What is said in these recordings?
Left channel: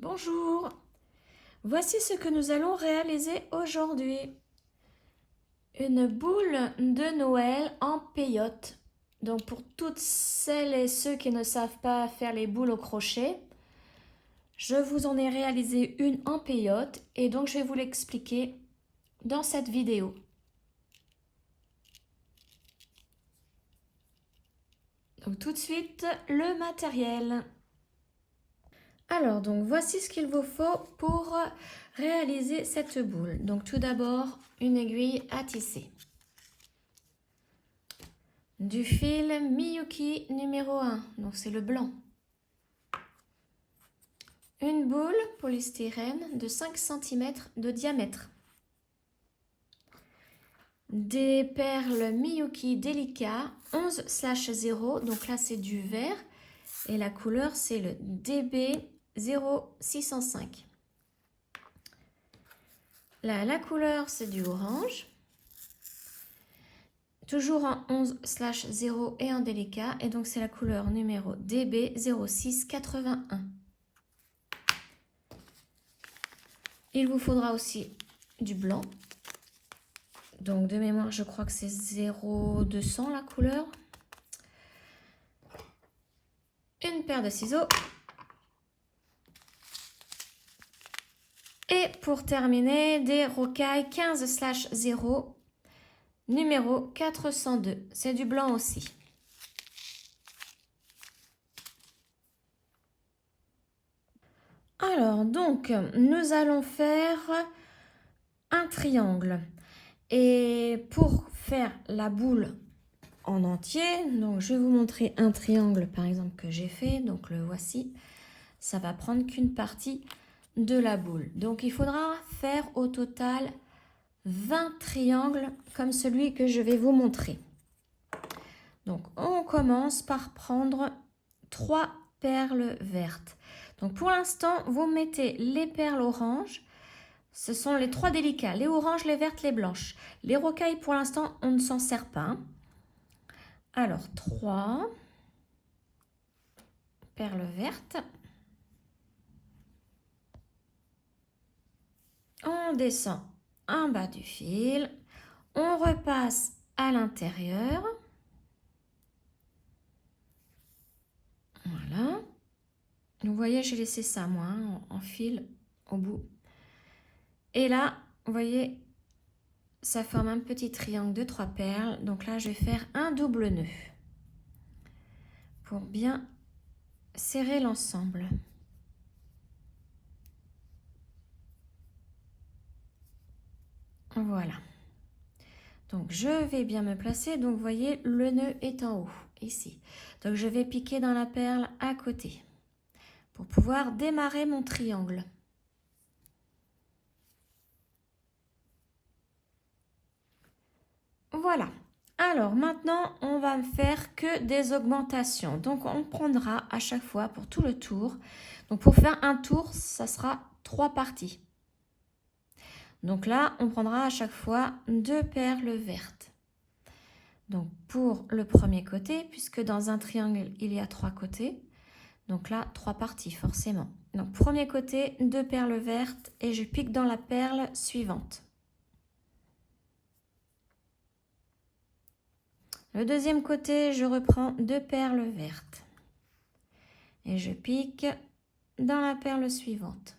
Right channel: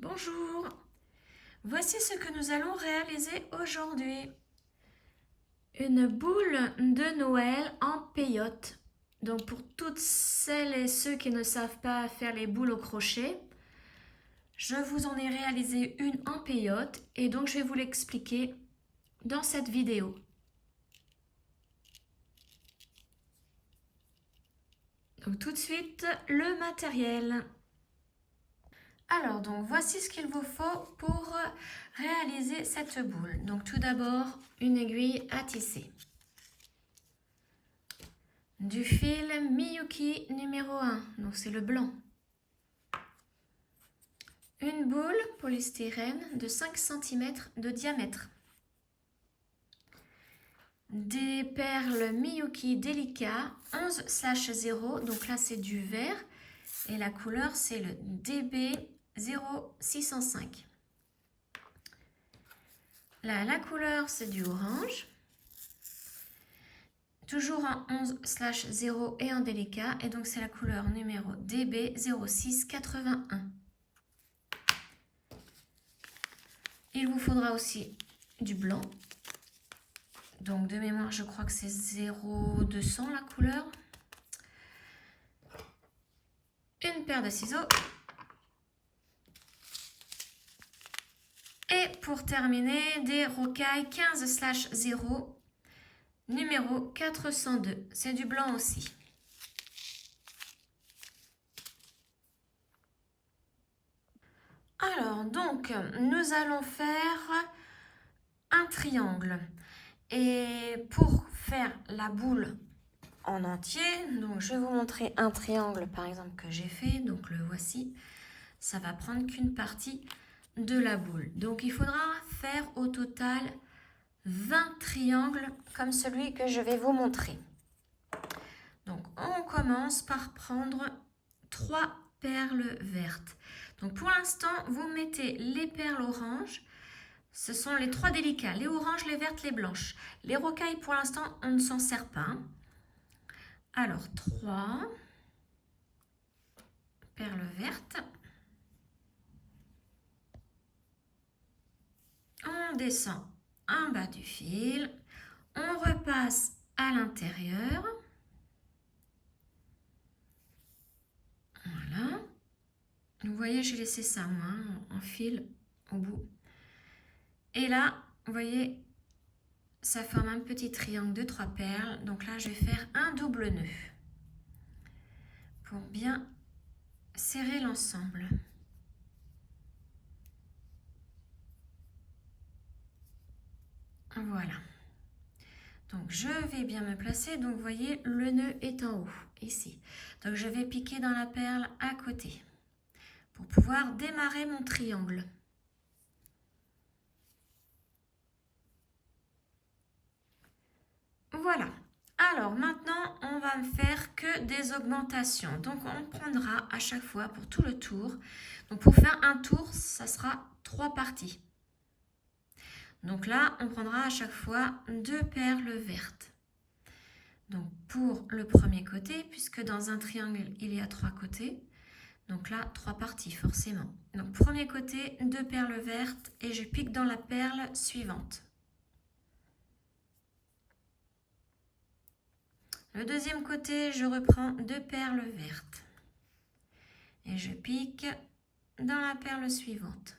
Bonjour, voici ce que nous allons réaliser aujourd'hui. Une boule de Noël en peyote. Donc pour toutes celles et ceux qui ne savent pas faire les boules au crochet, je vous en ai réalisé une en peyote et donc je vais vous l'expliquer dans cette vidéo. Donc tout de suite, le matériel. Alors, donc voici ce qu'il vous faut pour réaliser cette boule. Donc tout d'abord, une aiguille à tisser. Du fil Miyuki numéro 1, donc c'est le blanc. Une boule polystyrène de 5 cm de diamètre. Des perles Miyuki Delica 11/0, donc là c'est du vert et la couleur c'est le DB 0605. Là la couleur c'est du orange. Toujours en 11/0 et en délicat, et donc c'est la couleur numéro DB 0681. Il vous faudra aussi du blanc. Donc de mémoire, je crois que c'est 0200 la couleur. Une paire de ciseaux. Et pour terminer, des rocailles 15/0, numéro 402. C'est du blanc aussi. Alors, donc, nous allons faire un triangle. Et pour faire la boule en entier, donc je vais vous montrer un triangle par exemple que j'ai fait, donc le voici. Ça va prendre qu'une partie de la boule. Donc il faudra faire au total 20 triangles comme celui que je vais vous montrer. Donc on commence par prendre 3 perles vertes. Donc pour l'instant, vous mettez les perles oranges. Ce sont les 3 délicats, les oranges, les vertes, les blanches. Les rocailles, pour l'instant, on ne s'en sert pas. Alors, 3 perles vertes. On descend en bas du fil. On repasse à l'intérieur. Voilà. Vous voyez, j'ai laissé ça, moi, en fil au bout. Et là, vous voyez, ça forme un petit triangle de 3 perles. Donc là, je vais faire un double nœud pour bien serrer l'ensemble. Voilà. Donc je vais bien me placer. Donc vous voyez, le nœud est en haut, ici. Donc je vais piquer dans la perle à côté pour pouvoir démarrer mon triangle. Voilà. Alors maintenant, on va faire que des augmentations. Donc on prendra à chaque fois pour tout le tour. Donc pour faire un tour, ça sera 3 parties. Donc là, on prendra à chaque fois 2 perles vertes. Donc pour le premier côté, puisque dans un triangle, il y a 3 côtés. Donc là, 3 parties forcément. Donc premier côté, 2 perles vertes et je pique dans la perle suivante. Le deuxième côté, je reprends 2 perles vertes et je pique dans la perle suivante.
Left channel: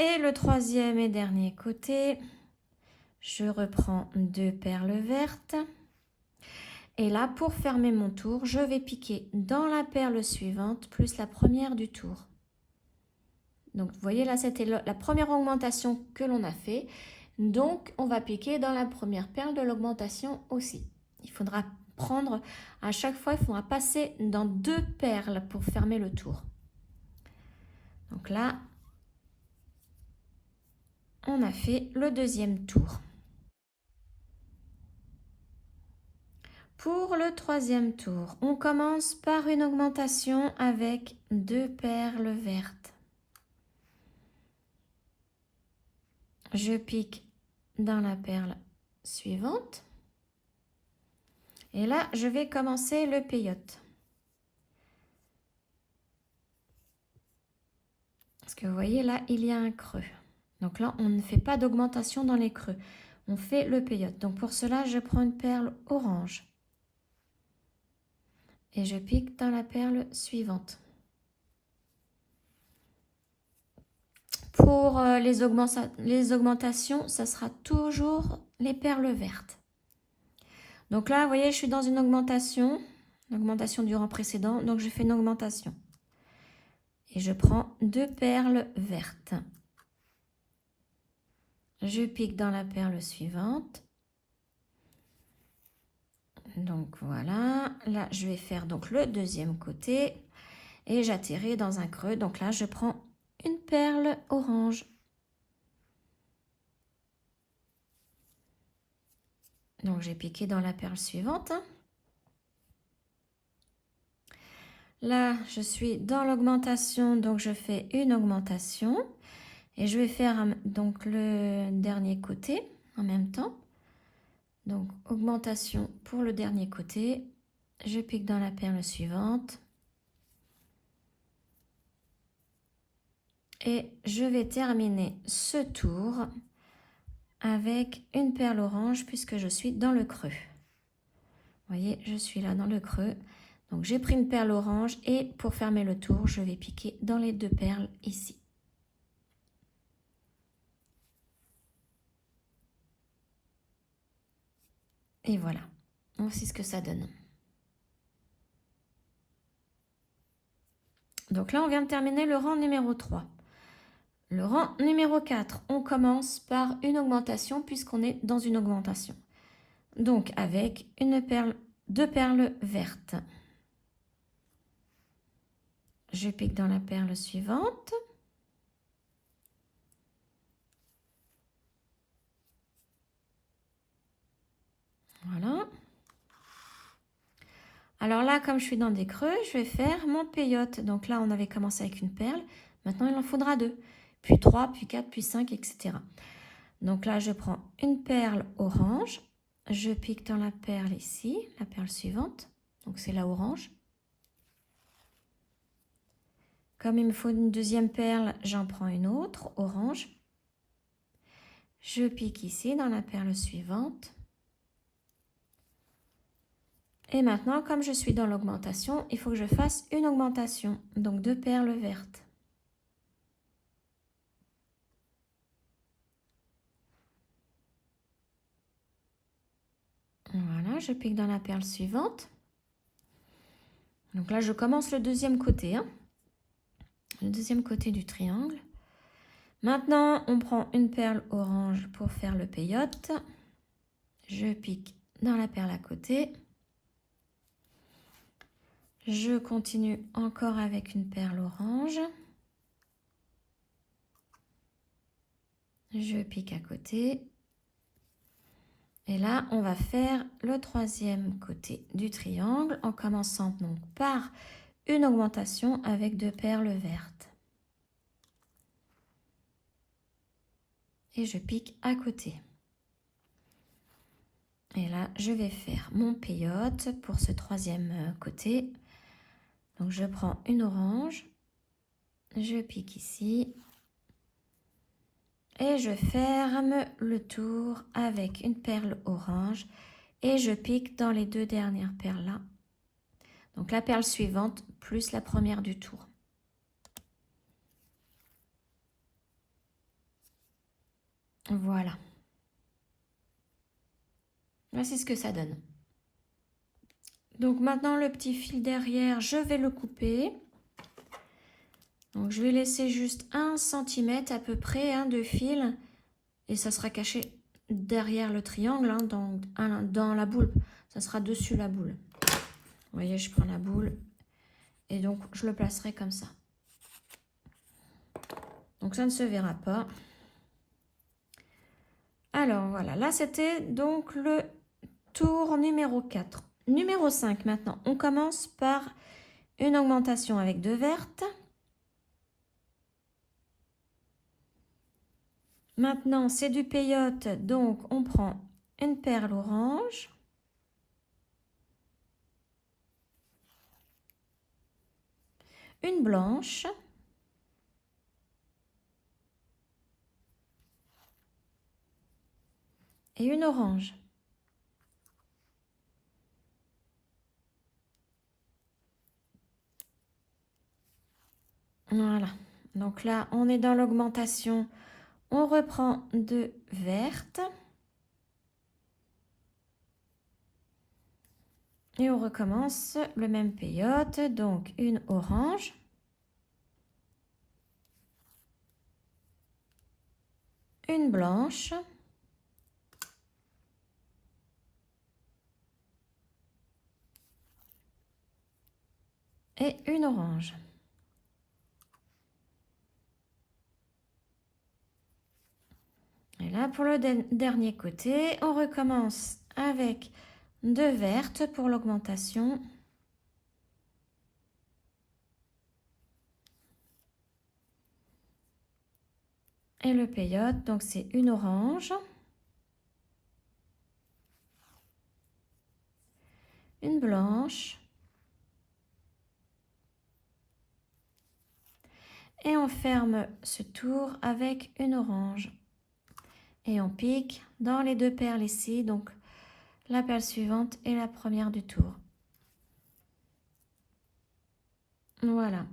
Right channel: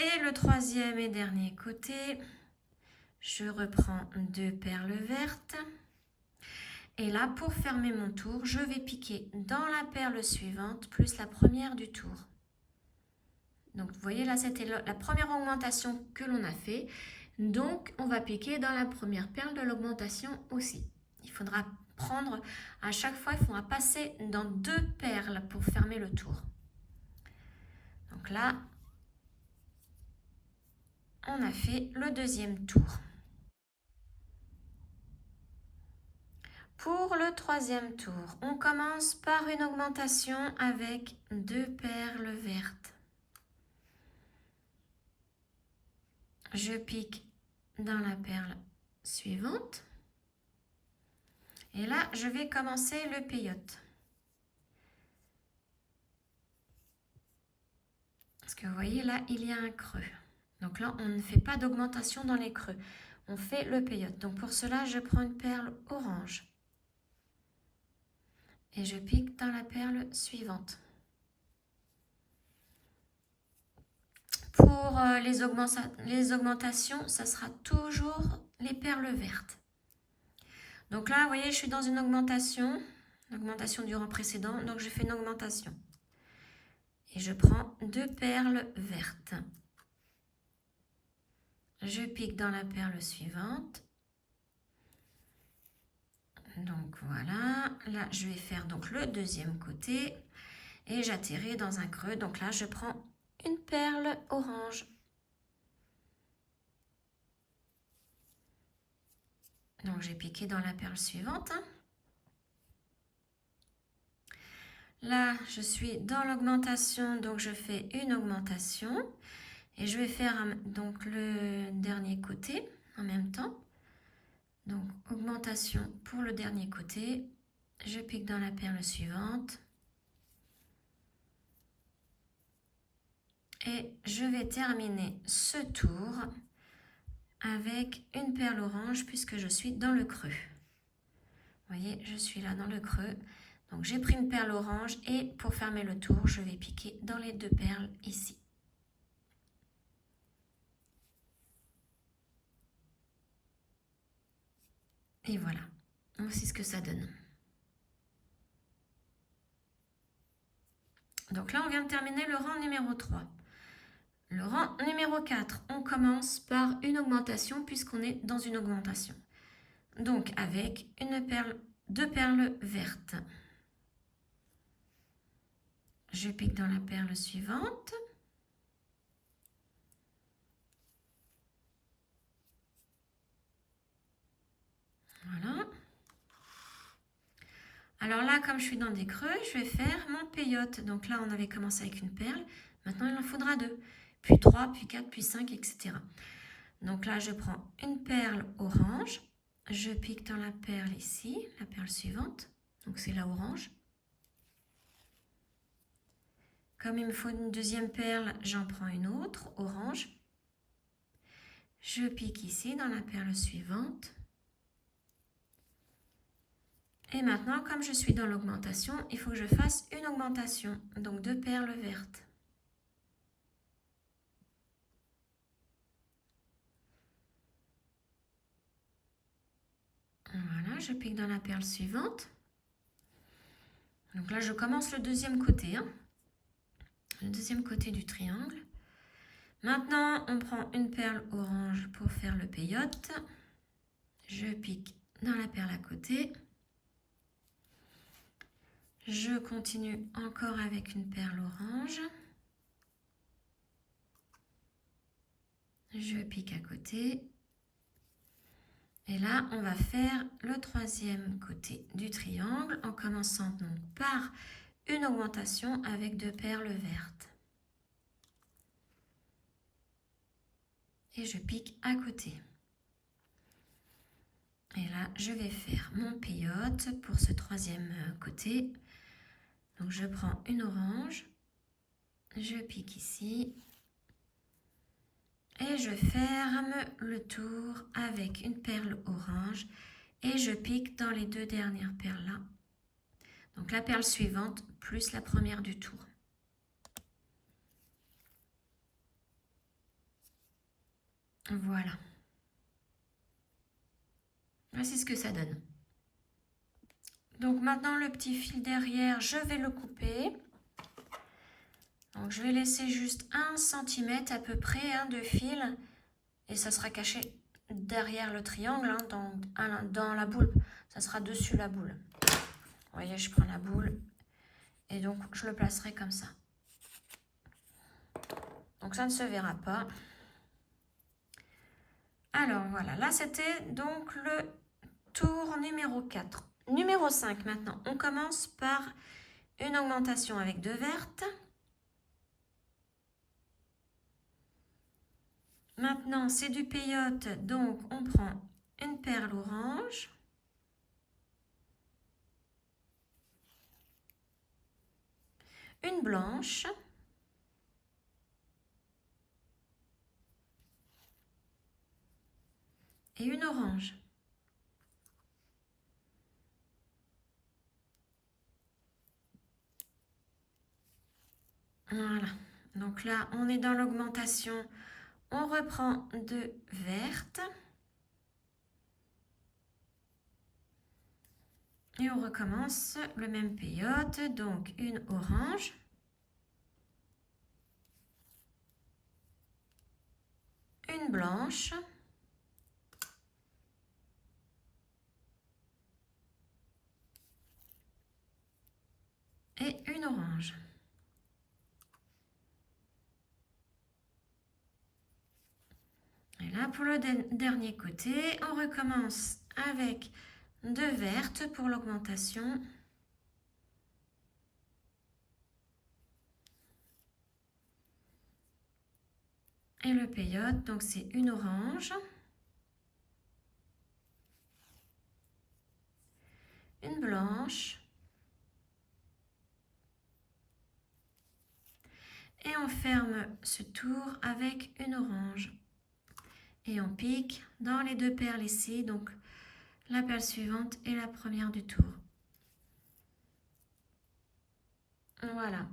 Et le troisième et dernier côté, je reprends 2 perles vertes. Et là, pour fermer mon tour, je vais piquer dans la perle suivante plus la première du tour. Donc, vous voyez, là, c'était la première augmentation que l'on a fait. Donc, on va piquer dans la première perle de l'augmentation aussi. Il faudra prendre, à chaque fois, il faudra passer dans 2 perles pour fermer le tour. Donc là, on a fait le deuxième tour. Pour le troisième tour, on commence par une augmentation avec 2 perles vertes. Je pique dans la perle suivante Et là, je vais commencer le peyote. Parce que vous voyez, là, il y a un creux. Donc là, on ne fait pas d'augmentation dans les creux. On fait le peyote. Donc pour cela, je prends une perle orange. Et je pique dans la perle suivante. Pour les augmentations, ça sera toujours les perles vertes. Donc là, vous voyez, je suis dans une augmentation du rang précédent. Donc je fais une augmentation. Et je prends 2 perles vertes. Je pique dans la perle suivante. Donc voilà, là je vais faire donc le deuxième côté et j'atterris dans un creux. Donc là je prends une perle orange. Donc j'ai piqué dans la perle suivante. Là je suis dans l'augmentation, donc je fais une augmentation et je vais faire donc le dernier côté en même temps. Donc augmentation pour le dernier côté, je pique dans la perle suivante. Et je vais terminer ce tour avec une perle orange puisque je suis dans le creux. Vous voyez, je suis là dans le creux. Donc j'ai pris une perle orange et pour fermer le tour, je vais piquer dans les 2 perles ici. Et voilà, voici ce que ça donne. Donc là, on vient de terminer le rang numéro 3. Le rang numéro 4, on commence par une augmentation puisqu'on est dans une augmentation. Donc avec une perle, 2 perles vertes. Je pique dans la perle suivante. Voilà. Alors là, comme je suis dans des creux, je vais faire mon peyote. Donc là, on avait commencé avec une perle. Maintenant, il en faudra 2. Puis 3, puis 4, puis 5, etc. Donc là, je prends une perle orange. Je pique dans la perle ici, la perle suivante. Donc c'est la orange. Comme il me faut une deuxième perle, j'en prends une autre, orange. Je pique ici dans la perle suivante. Et maintenant, comme je suis dans l'augmentation, il faut que je fasse une augmentation. Donc 2 perles vertes. Voilà, je pique dans la perle suivante. Donc là, je commence le deuxième côté. Le deuxième côté du triangle. Maintenant, on prend une perle orange pour faire le peyote. Je pique dans la perle à côté. Je continue encore avec une perle orange. Je pique à côté. Et là, on va faire le troisième côté du triangle en commençant donc par une augmentation avec 2 perles vertes. Et je pique à côté. Et là, je vais faire mon peyote pour ce troisième côté. Donc, je prends une orange, je pique ici et je ferme le tour avec une perle orange et je pique dans les 2 dernières perles là. Donc, la perle suivante plus la première du tour. Voilà. Voici ce que ça donne. Donc maintenant le petit fil derrière, je vais le couper. Donc je vais laisser juste 1 cm à peu près de fil et ça sera caché derrière le triangle, dans la boule. Ça sera dessus la boule. Vous voyez, je prends la boule et donc je le placerai comme ça. Donc ça ne se verra pas. Alors voilà, là c'était donc le tour numéro 4. Numéro 5 maintenant, on commence par une augmentation avec 2 vertes. Maintenant, c'est du peyote, donc on prend une perle orange. une blanche, et une orange. Voilà, donc là on est dans l'augmentation, on reprend 2 vertes et on recommence le même peyote, donc une orange, une blanche, et une orange. Et là, pour le dernier côté, on recommence avec 2 vertes pour l'augmentation. Et le peyote, donc c'est une orange, une blanche, et on ferme ce tour avec une orange. Et on pique dans les 2 perles ici, donc la perle suivante et la première du tour. Voilà.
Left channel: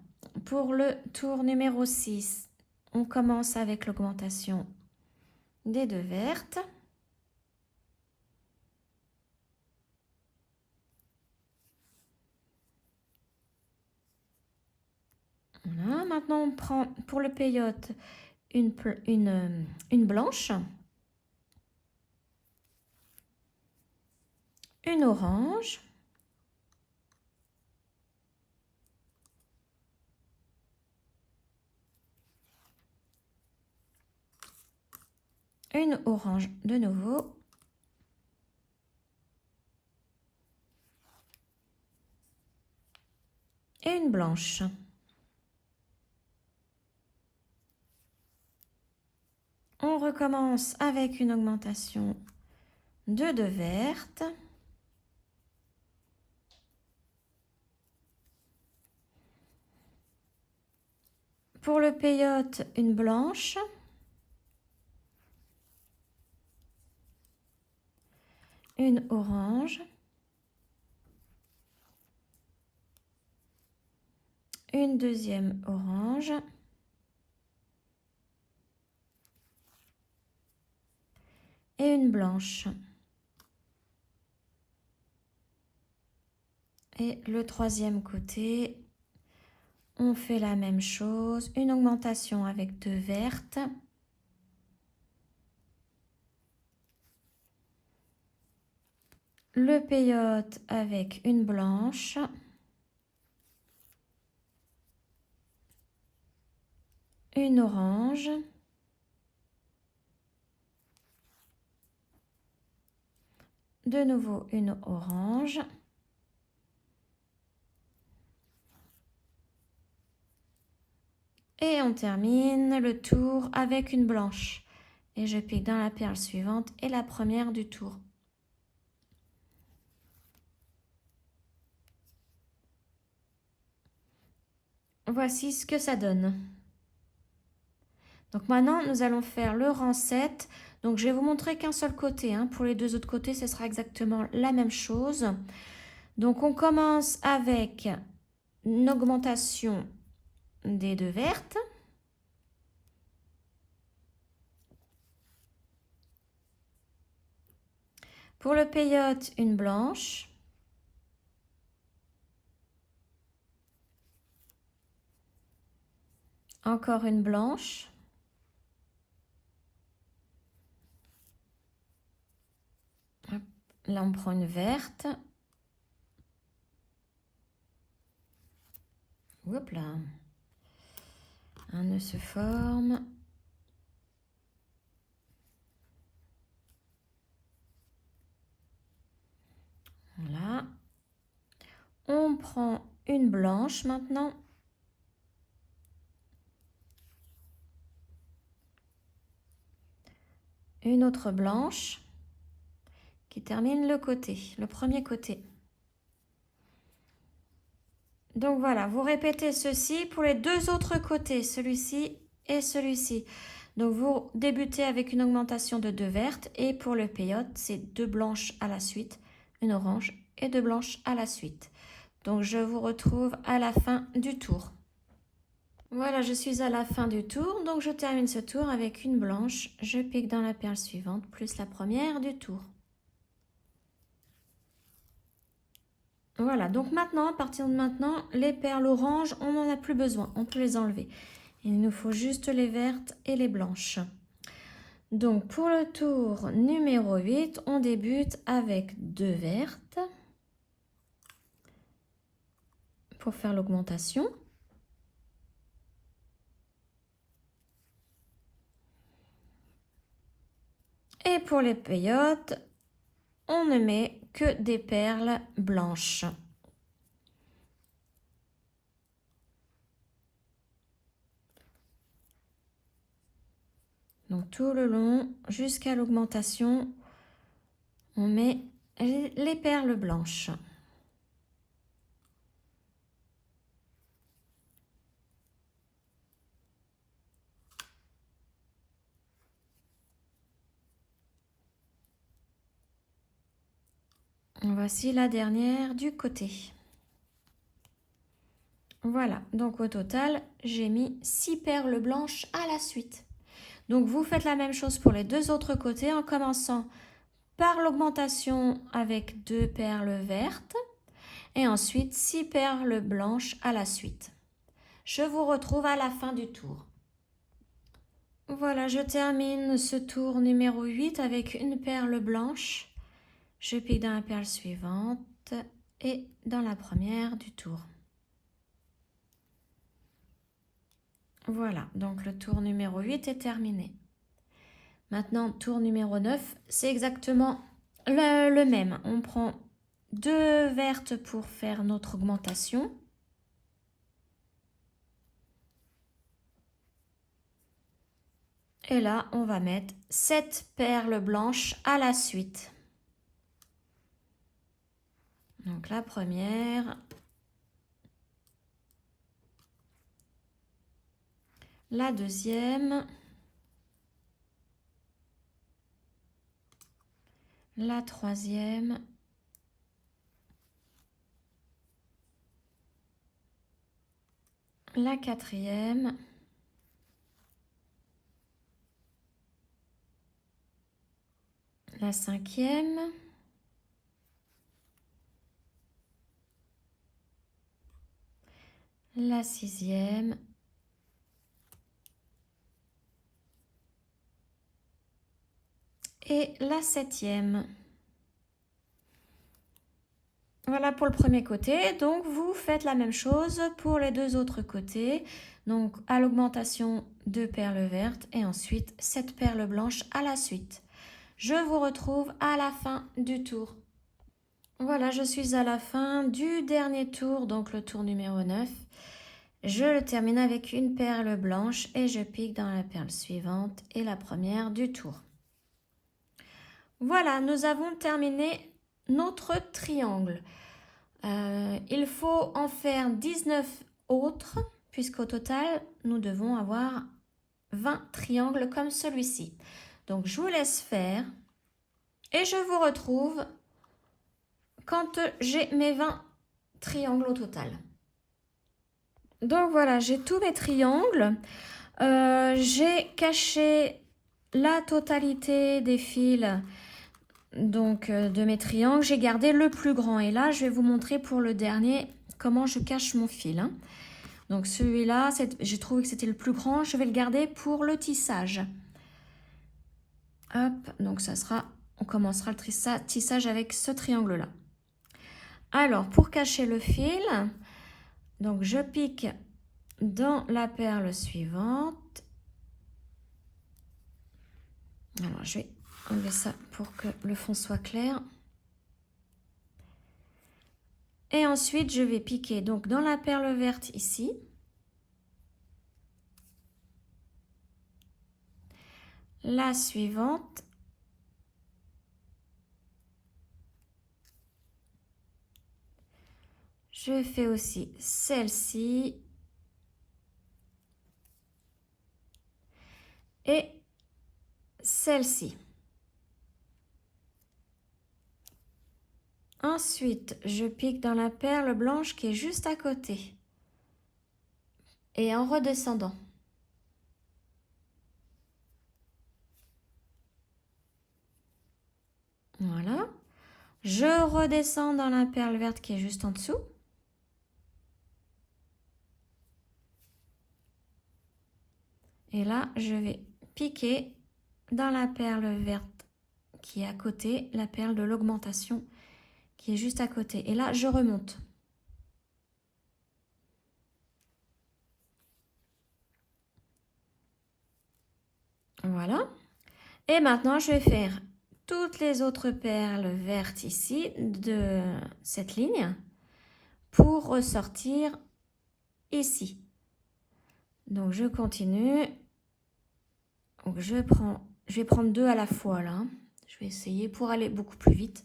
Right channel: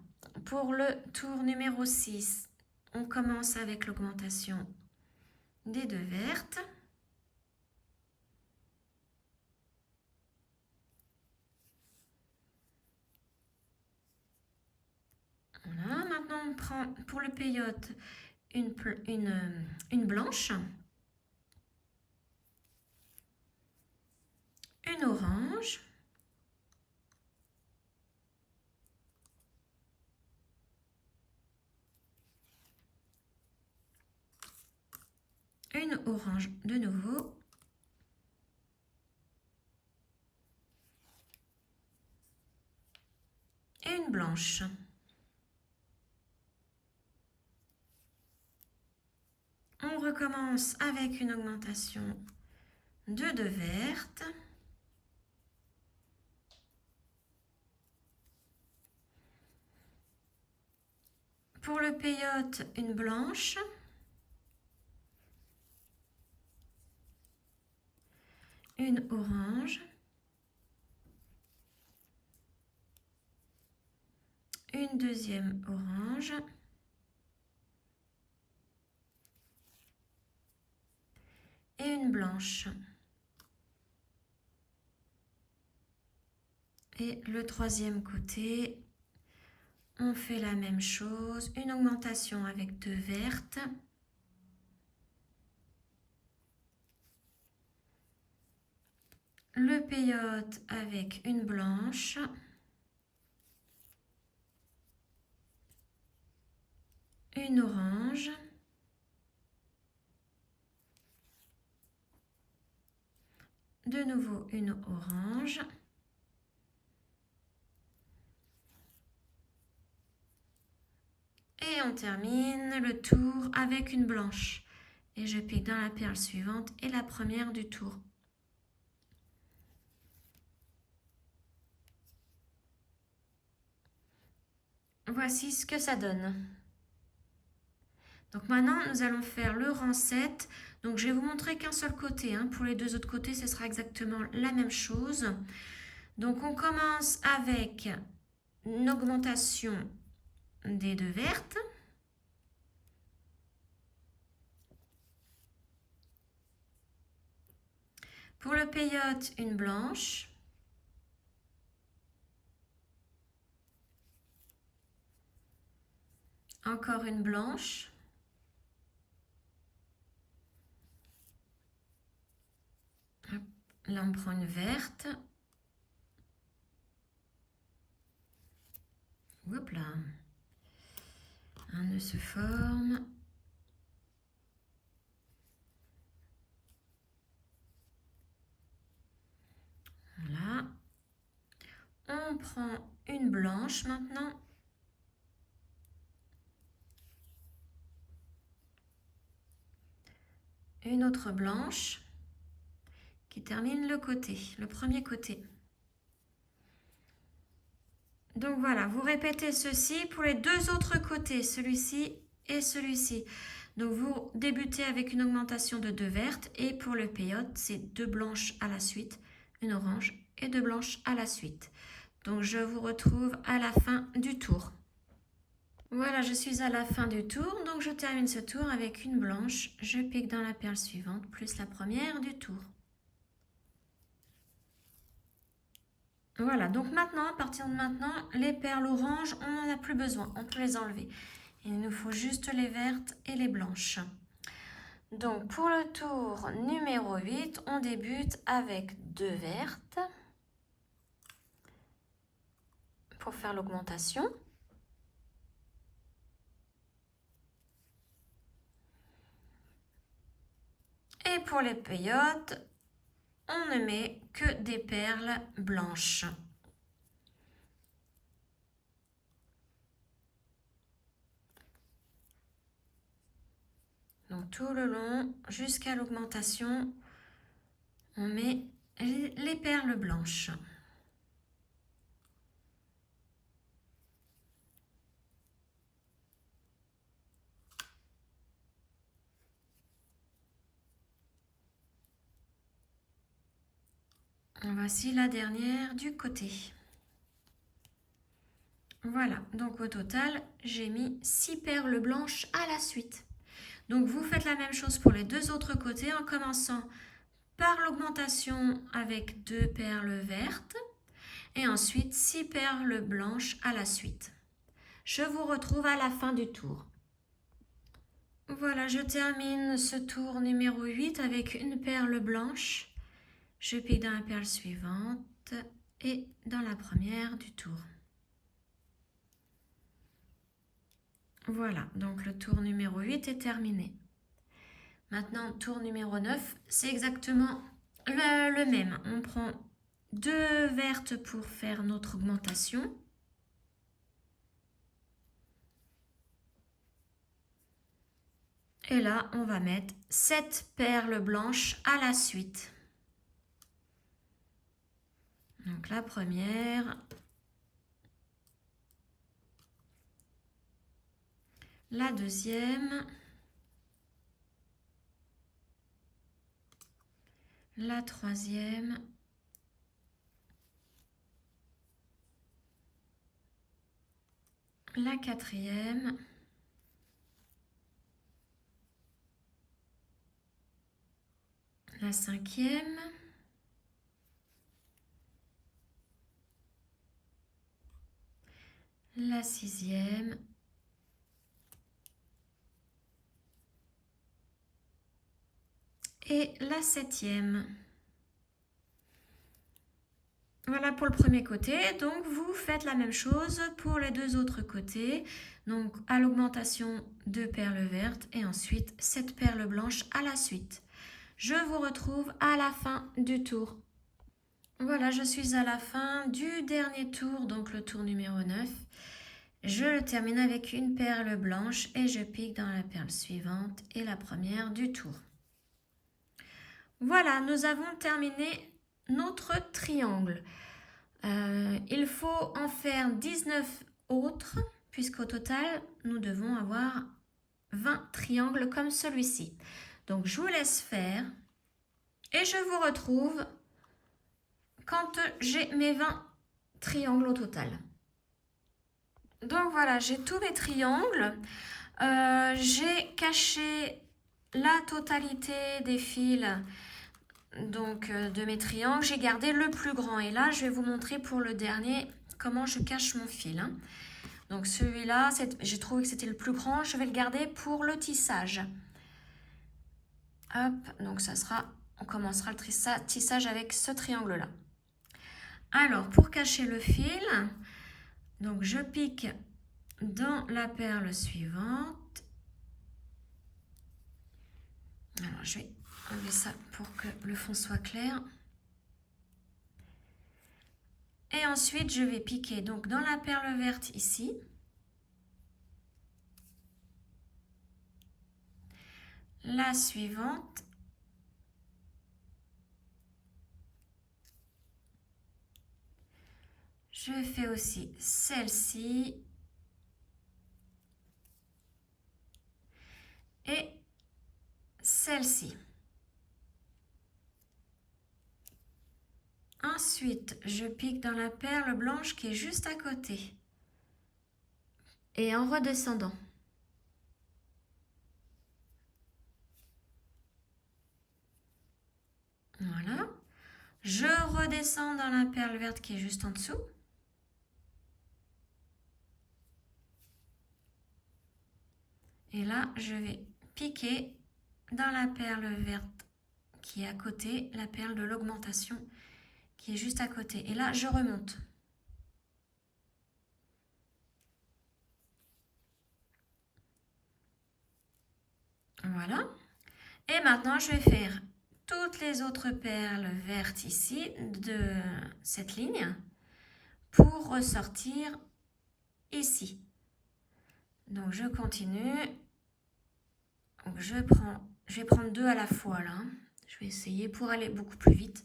Pour le tour numéro 6, on commence avec l'augmentation des 2 vertes. Voilà. Maintenant, on prend pour le peyote une blanche, une orange, une orange de nouveau, et une blanche. On recommence avec une augmentation de 2 vertes. Pour le peyote, une blanche, une orange, une deuxième orange, et une blanche. Et le troisième côté, on fait la même chose, une augmentation avec 2 vertes. Le peyote avec une blanche. Une orange. De nouveau une orange. Et on termine le tour avec une blanche. Et je pique dans la perle suivante et la première du tour. Voici ce que ça donne. Donc maintenant, nous allons faire le rang 7. Donc je vais vous montrer qu'un seul côté. Hein. Pour les 2 autres côtés, ce sera exactement la même chose. Donc on commence avec une augmentation des 2 vertes. Pour le peyote, une blanche. Encore une blanche. Hop. Là, on prend une verte. Hop là. Un nœud se forme. Voilà. On prend une blanche maintenant. Une autre blanche qui termine le côté, le premier côté. Donc voilà, vous répétez ceci pour les deux autres côtés, celui-ci et celui-ci. Donc vous débutez avec une augmentation de 2 vertes et pour le peyote, c'est 2 blanches à la suite, une orange et 2 blanches à la suite. Donc je vous retrouve à la fin du tour. Voilà, je suis à la fin du tour, donc je termine ce tour avec une blanche. Je pique dans la perle suivante, plus la première du tour. Voilà, donc maintenant, à partir de maintenant, les perles oranges, on n'en a plus besoin, on peut les enlever. Il nous faut juste les vertes et les blanches. Donc pour le tour numéro 8, on débute avec 2 vertes pour faire l'augmentation. Et pour les peyotes, on ne met que des perles blanches. Donc tout le long, jusqu'à l'augmentation, on met les perles blanches. Voici la dernière du côté. Voilà, donc au total, j'ai mis 6 perles blanches à la suite. Donc vous faites la même chose pour les deux autres côtés en commençant par l'augmentation avec 2 perles vertes et ensuite 6 perles blanches à la suite. Je vous retrouve à la fin du tour. Voilà, je termine ce tour numéro 8 avec une perle blanche. Je pique dans la perle suivante et dans la première du tour. Voilà, donc le tour numéro 8 est terminé. Maintenant, tour numéro 9, c'est exactement le même. On prend 2 vertes pour faire notre augmentation. Et là, on va mettre 7 perles blanches à la suite. Donc la première, la deuxième, la troisième, la quatrième, la cinquième, la sixième, et la septième. Voilà pour le premier côté, donc vous faites la même chose pour les deux autres côtés. Donc à l'augmentation 2 perles vertes et ensuite 7 perles blanches à la suite. Je vous retrouve à la fin du tour. Voilà, je suis à la fin du dernier tour, donc le tour numéro 9. Je le termine avec une perle blanche et je pique dans la perle suivante et la première du tour. Voilà, nous avons terminé notre triangle. Il faut en faire 19 autres, puisqu'au total, nous devons avoir 20 triangles comme celui-ci. Donc, je vous laisse faire et je vous retrouve quand j'ai mes 20 triangles au total. Donc, voilà, j'ai tous mes triangles. J'ai caché la totalité des fils donc de mes triangles. J'ai gardé le plus grand et là, je vais vous montrer pour le dernier comment je cache mon fil. Donc celui-là, j'ai trouvé que c'était le plus grand. Je vais le garder pour le tissage. Hop, donc ça sera, on commencera le tissage avec ce triangle-là. Alors, pour cacher le fil, donc je pique dans la perle suivante. Alors, je vais enlever ça pour que le fond soit clair. Et ensuite, je vais piquer donc dans la perle verte ici. La suivante. Je fais aussi celle-ci. Et celle-ci. Ensuite, je pique dans la perle blanche qui est juste à côté. Et en redescendant. Voilà. Je redescends dans la perle verte qui est juste en dessous. Et là, je vais piquer dans la perle verte qui est à côté, la perle de l'augmentation qui est juste à côté. Et là, je remonte. Voilà. Et maintenant, je vais faire toutes les autres perles vertes ici de cette ligne pour ressortir ici. Donc, je continue. Donc, je vais prendre 2 à la fois là. Je vais essayer pour aller beaucoup plus vite.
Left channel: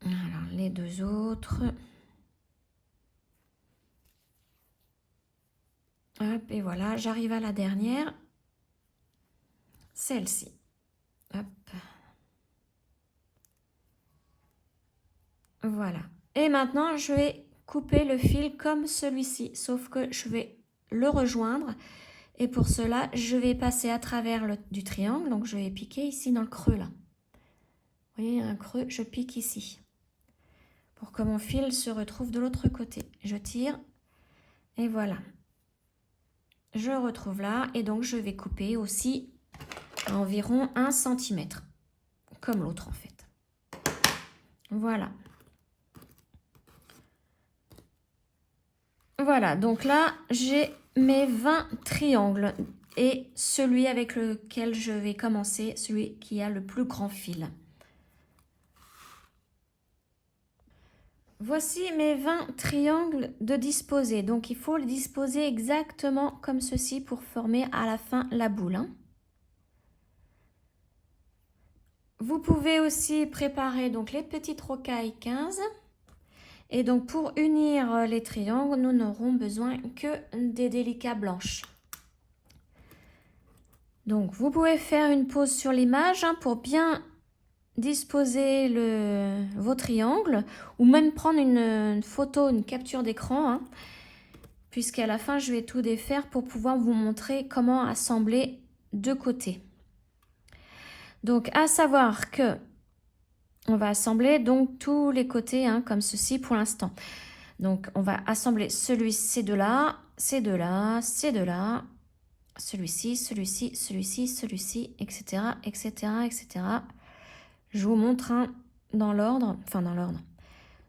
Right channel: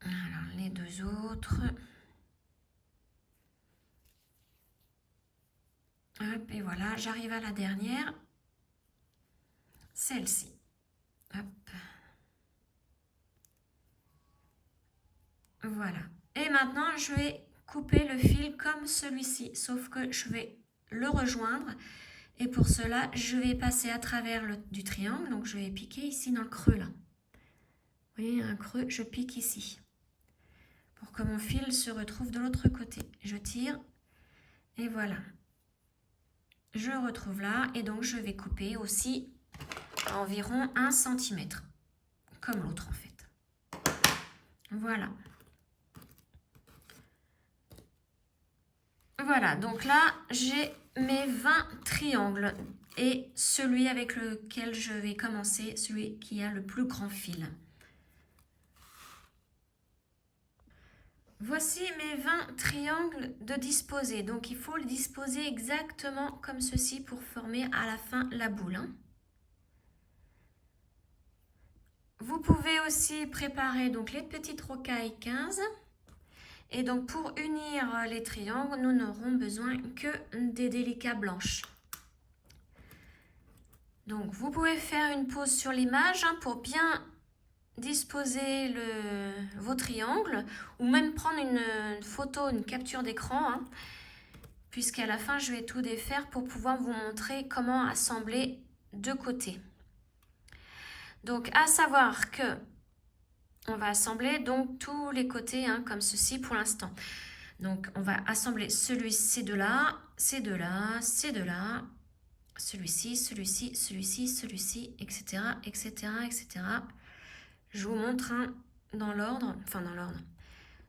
Alors, les 2 autres. Hop, et voilà, j'arrive à la dernière. Celle-ci. Hop. Voilà. Et maintenant, je vais couper le fil comme celui-ci, sauf que je vais le rejoindre. Et pour cela, je vais passer à travers du triangle. Donc, je vais piquer ici dans le creux, là. Vous voyez, un creux, je pique ici. Pour que mon fil se retrouve de l'autre côté. Je tire. Et voilà. Je retrouve là. Et donc, je vais couper aussi environ 1 cm. Comme l'autre, en fait. Voilà. Voilà, donc là, j'ai mes 20 triangles et celui avec lequel je vais commencer, celui qui a le plus grand fil. Voici mes 20 triangles de disposer. Donc, il faut les disposer exactement comme ceci pour former à la fin la boule. Hein. Vous pouvez aussi préparer donc les petites rocailles 15. Et donc, pour unir les triangles, nous n'aurons besoin que des délicats blanches. Donc, vous pouvez faire une pause sur l'image hein, pour bien disposer vos triangles ou même prendre une photo, une capture d'écran, hein, puisqu'à la fin, je vais tout défaire pour pouvoir vous montrer comment assembler de côté. Donc, à savoir que on va assembler donc tous les côtés hein, comme ceci pour l'instant. Donc, on va assembler ces deux-là, ces deux-là, ces deux-là, celui-ci, celui-ci, celui-ci, celui-ci, etc., etc., etc. Je vous montre un dans l'ordre, enfin dans l'ordre,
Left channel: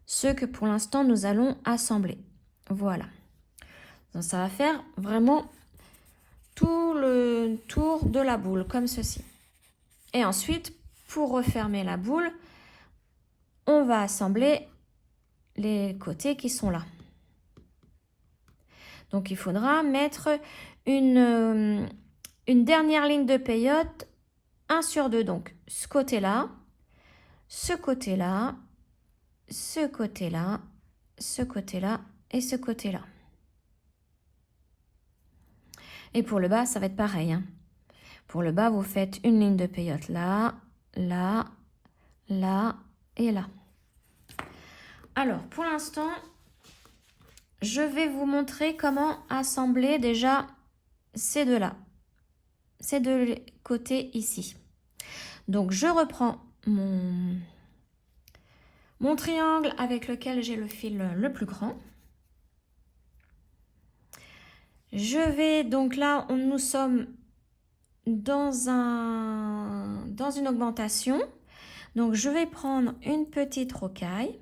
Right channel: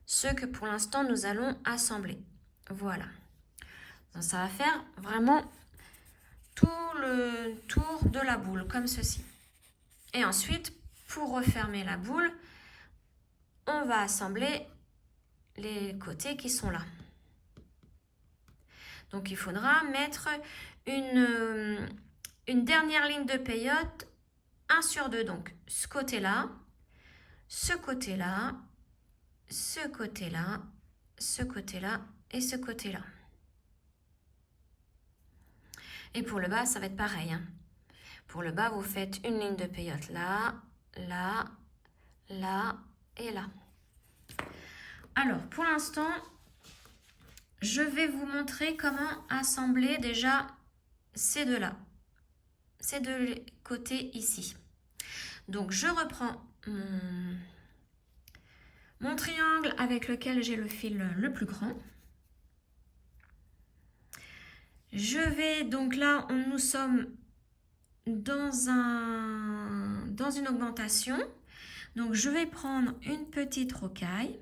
ceux que pour l'instant nous allons assembler. Voilà. Donc, ça va faire vraiment tout le tour de la boule, comme ceci. Et ensuite, pour refermer la boule, on va assembler les côtés qui sont là. Donc, il faudra mettre une dernière ligne de peyote, 1 sur 2. Donc, ce côté-là, ce côté-là, ce côté-là, ce côté-là et ce côté-là. Et pour le bas, ça va être pareil. Hein. Pour le bas, vous faites une ligne de peyote là, là, là et là. Alors, pour l'instant, je vais vous montrer comment assembler déjà ces deux-là. Ces deux côtés ici. Donc, je reprends mon triangle avec lequel j'ai le fil le plus grand. Je vais, donc là, nous sommes dans une augmentation. Donc, je vais prendre une petite rocaille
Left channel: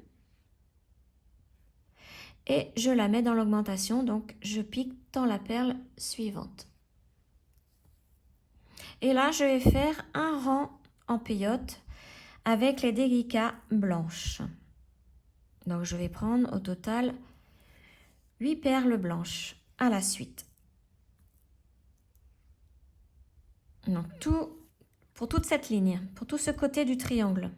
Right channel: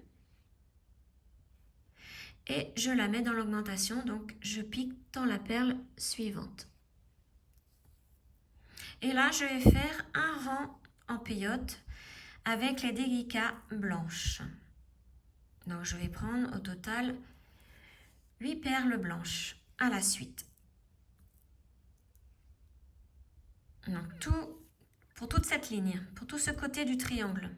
et je la mets dans l'augmentation. Donc, je pique dans la perle suivante. Et là, je vais faire un rang en peyote avec les délicats blanches. Donc, je vais prendre au total 8 perles blanches à la suite. Donc, pour toute cette ligne, pour tout ce côté du triangle.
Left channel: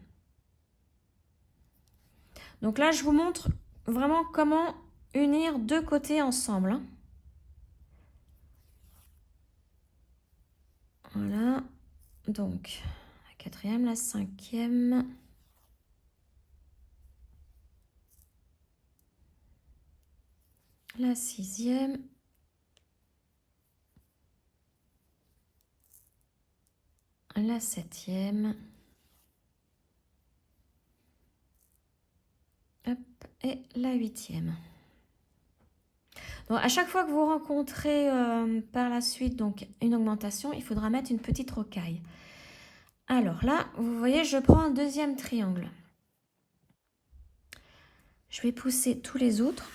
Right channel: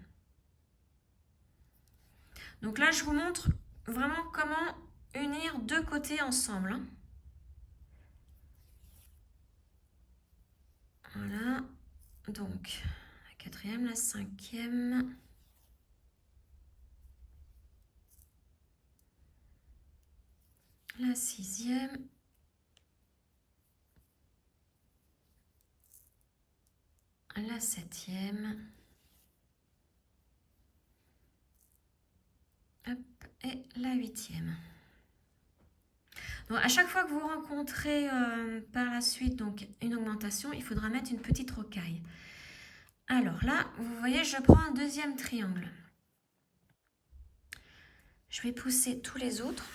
Donc là, je vous montre vraiment comment unir deux côtés ensemble, hein. Voilà, donc la quatrième, la cinquième, la sixième, la septième, hop, et la huitième. Donc, à chaque fois que vous rencontrez par la suite donc, une augmentation, il faudra mettre une petite rocaille. Alors là, vous voyez, je prends un deuxième triangle. Je vais pousser tous les autres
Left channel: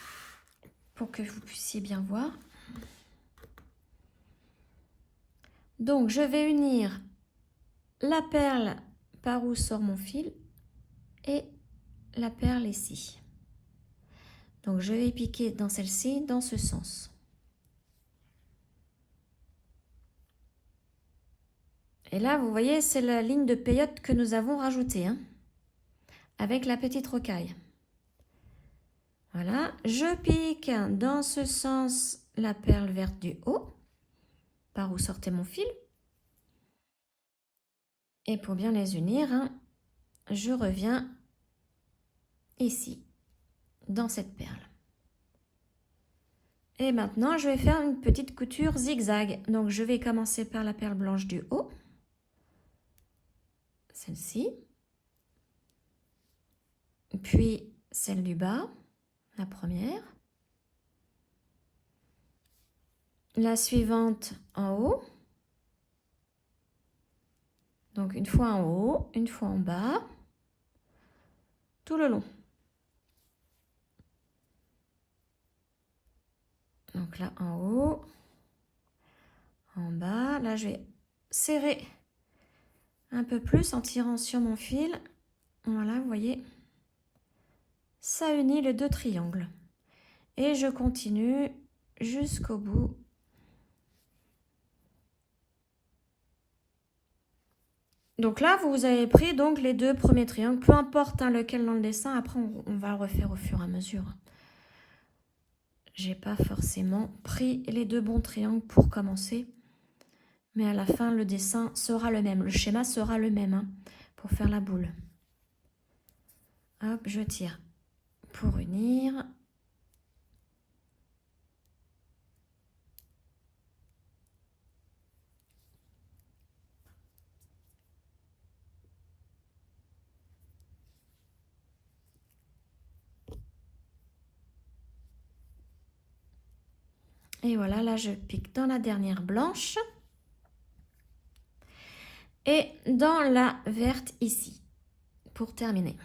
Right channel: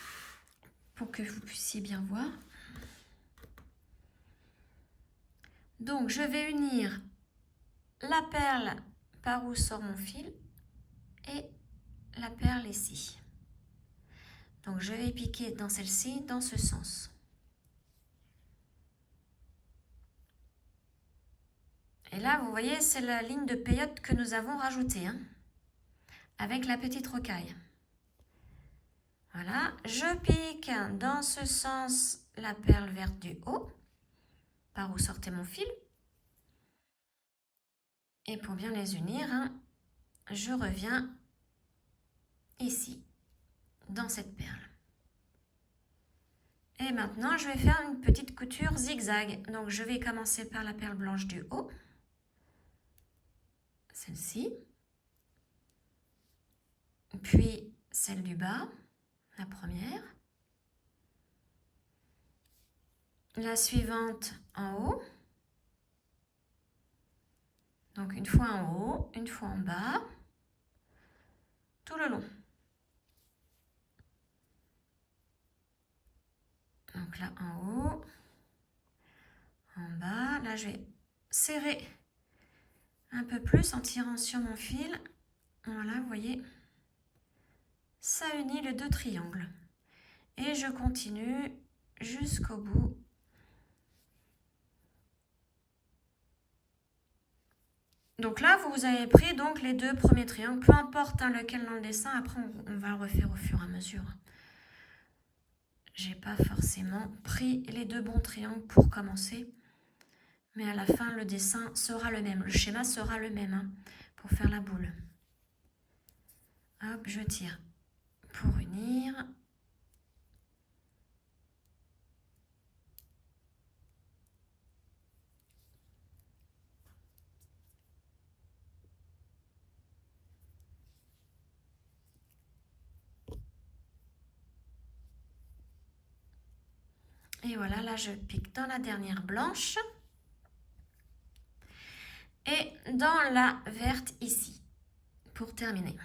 pour que vous puissiez bien voir. Donc, je vais unir la perle par où sort mon fil et la perle ici. Donc, je vais piquer dans celle-ci, dans ce sens. Et là, vous voyez, c'est la ligne de peyote que nous avons rajoutée, hein, avec la petite rocaille. Voilà, je pique dans ce sens la perle verte du haut, par où sortait mon fil. Et pour bien les unir, hein, je reviens ici, dans cette perle. Et maintenant, je vais faire une petite couture zigzag. Donc, je vais commencer par la perle blanche du haut, celle-ci, puis celle du bas, la première, la suivante en haut, donc une fois en haut, une fois en bas, tout le long. Donc là en haut, en bas, là je vais serrer un peu plus en tirant sur mon fil. Voilà, vous voyez, ça unit les deux triangles. Et je continue jusqu'au bout. Donc là, vous avez pris donc les deux premiers triangles, peu importe hein, lequel dans le dessin, après on va le refaire au fur et à mesure. J'ai pas forcément pris les deux bons triangles pour commencer, mais à la fin le dessin sera le même, le schéma sera le même hein, pour faire la boule. Hop, je tire pour unir. Et voilà, là je pique dans la dernière blanche et dans la verte ici, pour terminer.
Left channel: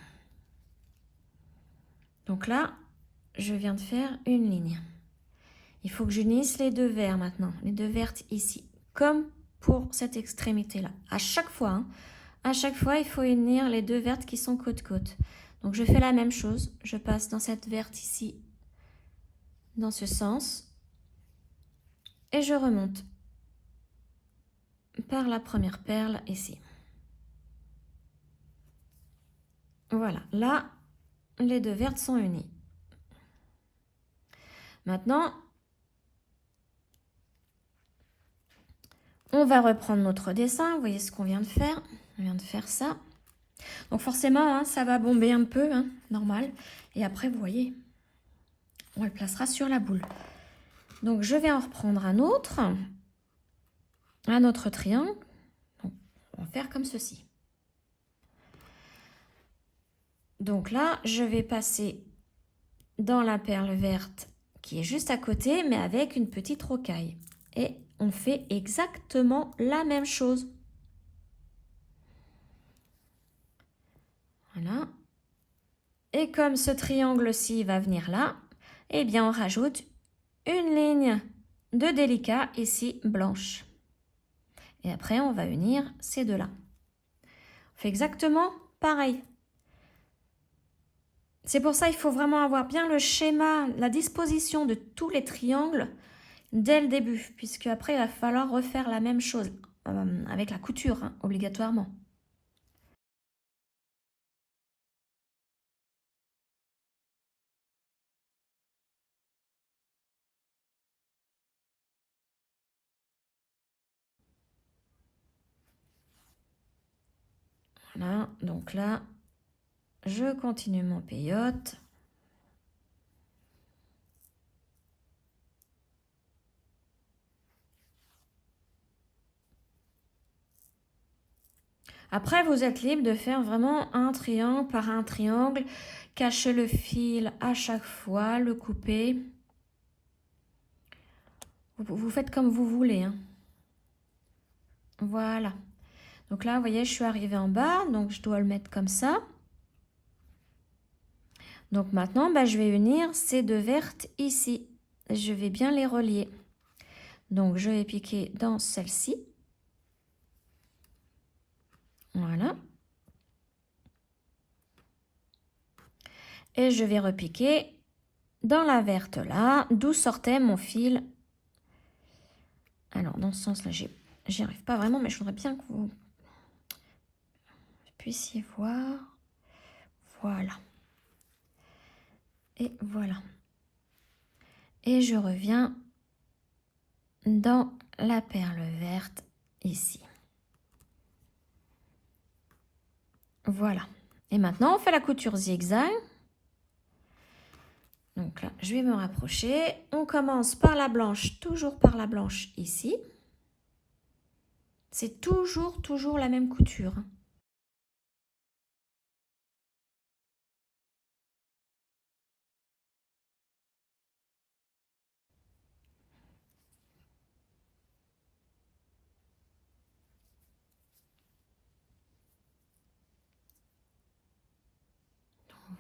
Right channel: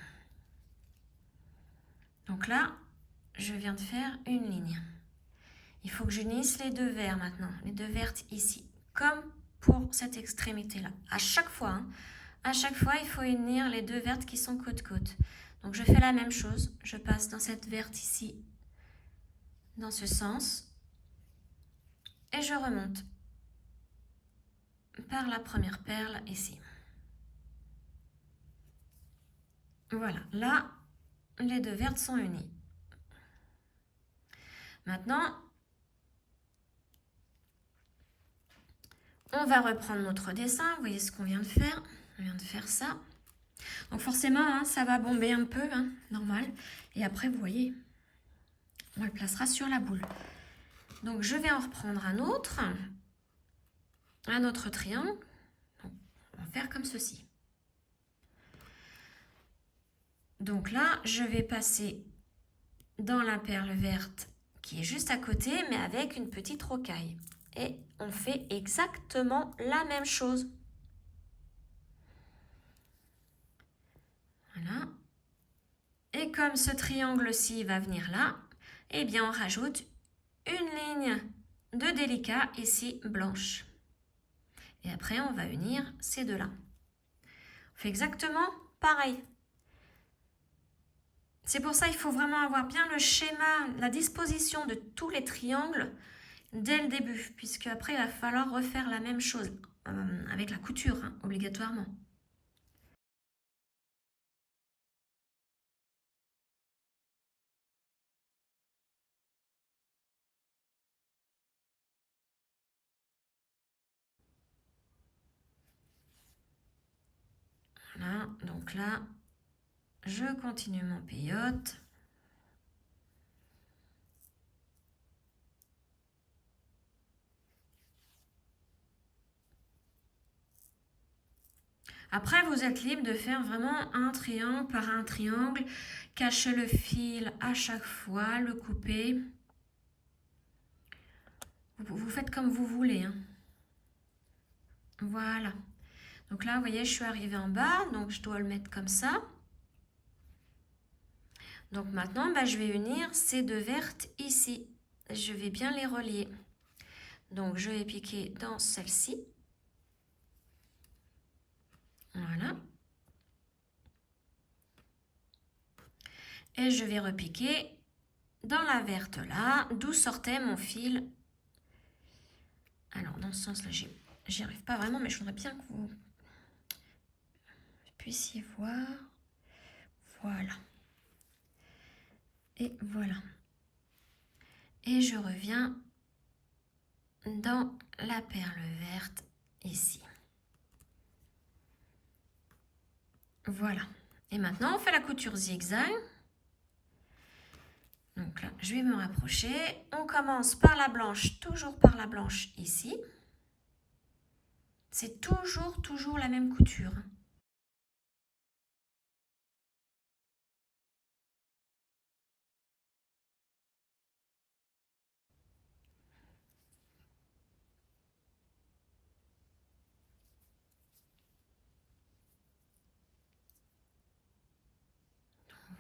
Donc là, je viens de faire une ligne. Il faut que j'unisse les deux verts maintenant, les deux vertes ici, comme pour cette extrémité-là. À chaque fois, il faut unir les deux vertes qui sont côte-côte. Donc je fais la même chose, je passe dans cette verte ici, dans ce sens, et je remonte par la première perle ici. Voilà, là, les deux vertes sont unies. Maintenant, on va reprendre notre dessin. Vous voyez ce qu'on vient de faire. On vient de faire ça. Donc forcément, hein, ça va bomber un peu, hein, normal. Et après, vous voyez, on le placera sur la boule. Donc je vais en reprendre un autre triangle. Donc, on va faire comme ceci. Donc là, je vais passer dans la perle verte qui est juste à côté, mais avec une petite rocaille. Et on fait exactement la même chose. Voilà. Et comme ce triangle-ci va venir là, eh bien on rajoute une ligne de délicat ici blanche. Et après, on va unir ces deux-là. On fait exactement pareil. C'est pour ça qu'il faut vraiment avoir bien le schéma, la disposition de tous les triangles dès le début, puisque après, il va falloir refaire la même chose avec la couture, hein, obligatoirement. Voilà, donc là, je continue mon peyote. Après, vous êtes libre de faire vraiment un triangle par un triangle, cacher le fil à chaque fois, le couper. Vous faites comme vous voulez, hein. Voilà. Donc là, vous voyez, je suis arrivée en bas, donc je dois le mettre comme ça. Donc maintenant, je vais unir ces deux vertes ici. Je vais bien les relier. Donc je vais piquer dans celle-ci. Voilà. Et je vais repiquer dans la verte là, d'où sortait mon fil. Alors dans ce sens-là, j'y arrive pas vraiment, mais je voudrais bien que vous puissiez voir. Voilà. Et voilà. Et je reviens dans la perle verte ici. Voilà. Et maintenant, on fait la couture zigzag. Donc là, je vais me rapprocher. On commence par la blanche, toujours par la blanche ici. C'est toujours la même couture.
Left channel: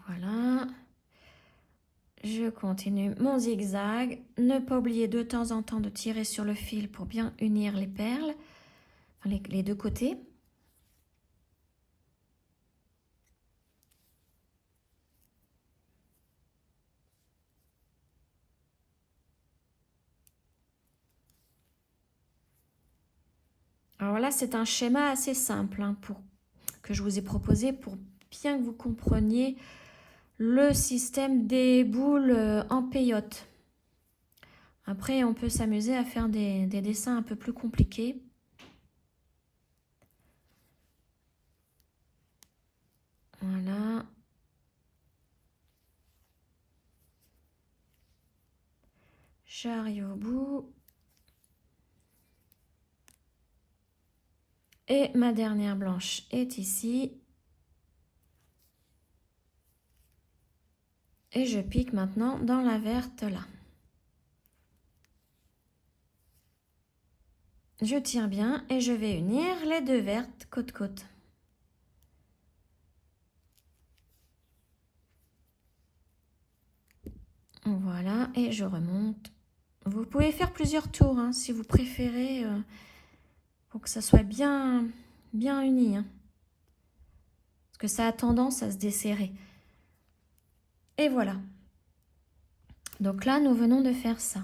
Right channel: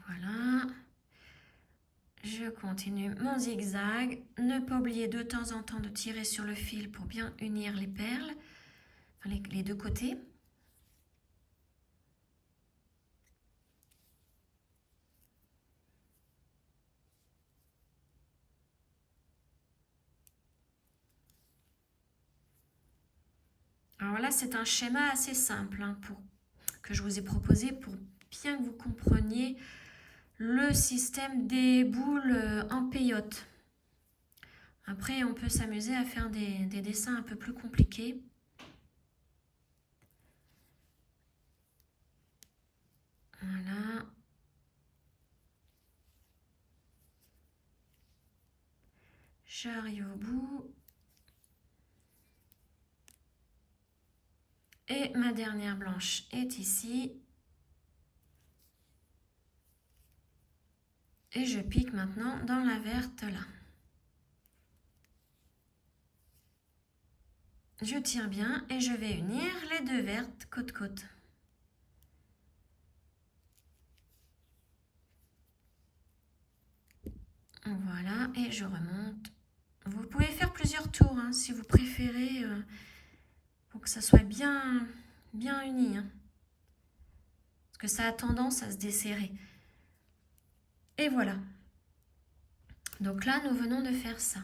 Voilà. Je continue mon zigzag. Ne pas oublier de temps en temps de tirer sur le fil pour bien unir les perles, enfin les deux côtés. Alors là, c'est un schéma assez simple que je vous ai proposé pour bien que vous compreniez le système des boules en peyote. Après, on peut s'amuser à faire des dessins un peu plus compliqués. Voilà. J'arrive au bout. Et ma dernière blanche est ici. Et je pique maintenant dans la verte là. Je tire bien et je vais unir les deux vertes côte-côte. Voilà, et je remonte. Vous pouvez faire plusieurs tours hein, si vous préférez, pour que ça soit bien uni. Hein, parce que ça a tendance à se desserrer. Et voilà. Donc là, nous venons de faire ça.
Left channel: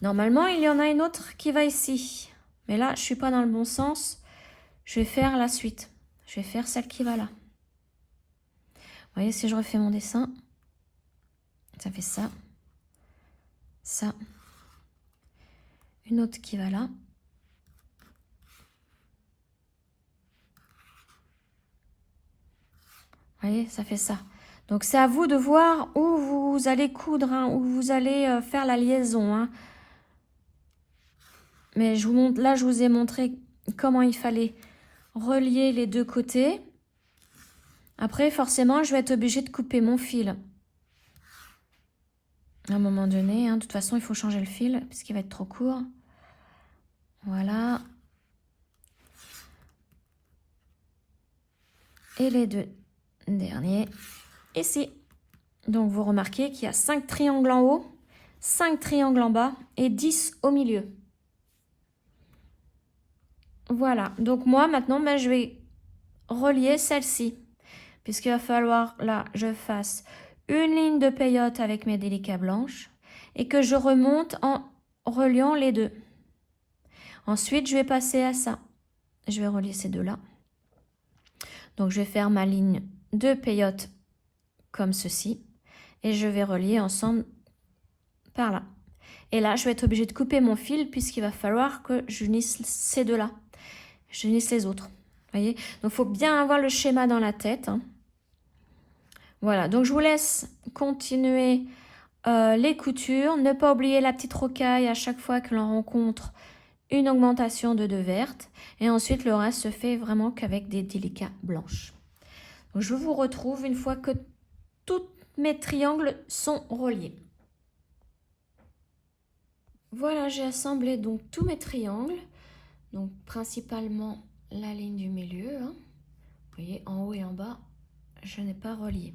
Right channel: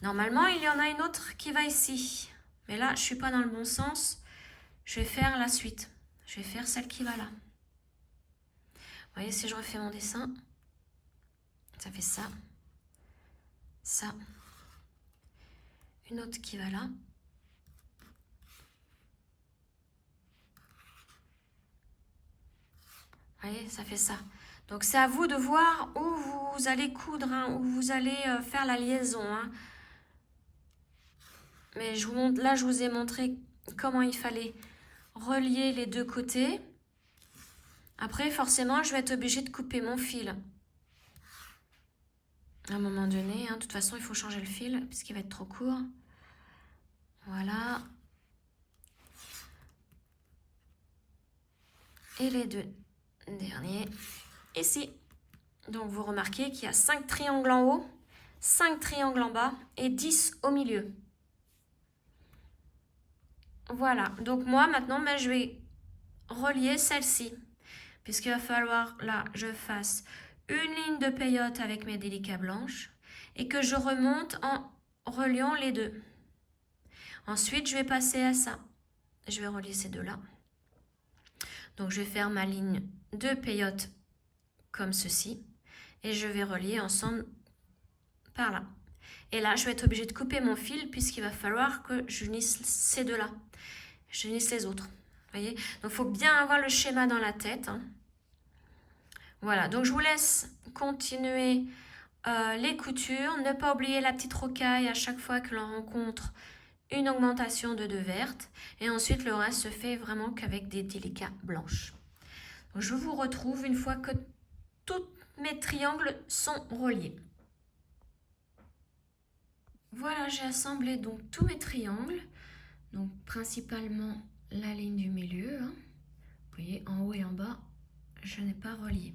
Normalement, il y en a une autre qui va ici. Mais là, je ne suis pas dans le bon sens. Je vais faire la suite. Je vais faire celle qui va là. Vous voyez, si je refais mon dessin, ça fait ça. Ça. Une autre qui va là. Vous voyez, ça fait ça. Donc, c'est à vous de voir où vous allez coudre, hein, où vous allez faire la liaison. Hein. Mais je vous montre, là, je vous ai montré comment il fallait relier les deux côtés. Après, forcément, je vais être obligée de couper mon fil. À un moment donné, hein, de toute façon, il faut changer le fil puisqu'il va être trop court. Voilà. Et les deux derniers ici. Donc, vous remarquez qu'il y a 5 triangles en haut, 5 triangles en bas et 10 au milieu. Voilà. Donc, moi, maintenant, je vais relier celle-ci. Puisqu'il va falloir, là, je fasse une ligne de peyote avec mes délicats blanches et que je remonte en reliant les deux. Ensuite, je vais passer à ça. Je vais relier ces deux-là. Donc, je vais faire ma ligne de peyote comme ceci. Et je vais relier ensemble par là. Et là, je vais être obligée de couper mon fil puisqu'il va falloir que j'unisse ces deux-là. J'unisse les autres. Voyez? Donc, il faut bien avoir le schéma dans la tête. Hein. Voilà, donc je vous laisse continuer les coutures. Ne pas oublier la petite rocaille à chaque fois que l'on rencontre une augmentation de 2 vertes. Et ensuite, le reste se fait vraiment qu'avec des délicats blanches. Donc, je vous retrouve une fois que tous mes triangles sont reliés. Voilà, j'ai assemblé donc tous mes triangles. Donc, principalement la ligne du milieu. Hein. Vous voyez, en haut et en bas, je n'ai pas relié.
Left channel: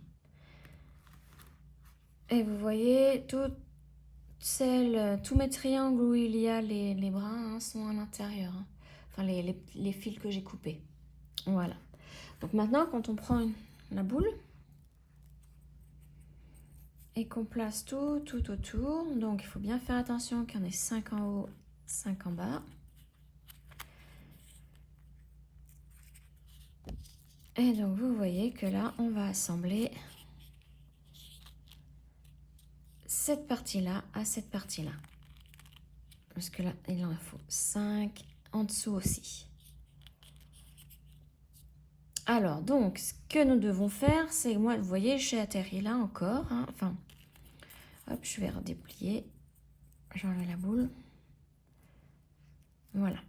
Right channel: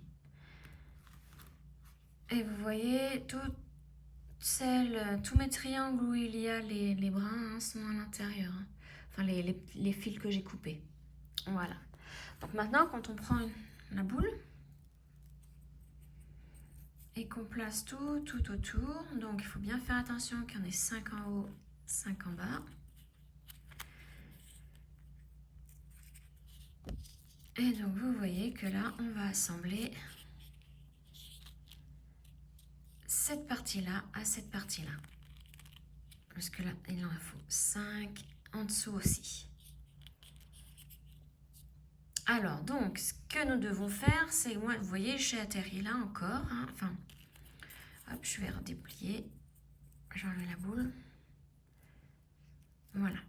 Et vous voyez, tous mes triangles où il y a les brins hein, sont à l'intérieur. Hein. Enfin, les fils que j'ai coupés. Voilà. Donc maintenant, quand on prend la boule et qu'on place tout autour, donc il faut bien faire attention qu'il y en ait 5 en haut, 5 en bas. Et donc vous voyez que là, on va assembler cette partie-là à cette partie-là. Parce que là, il en faut 5 en dessous aussi. Alors, donc, ce que nous devons faire, c'est, moi, vous voyez, j'ai atterri là encore. Hein, enfin, hop, je vais redéplier. J'enlève la boule. Voilà.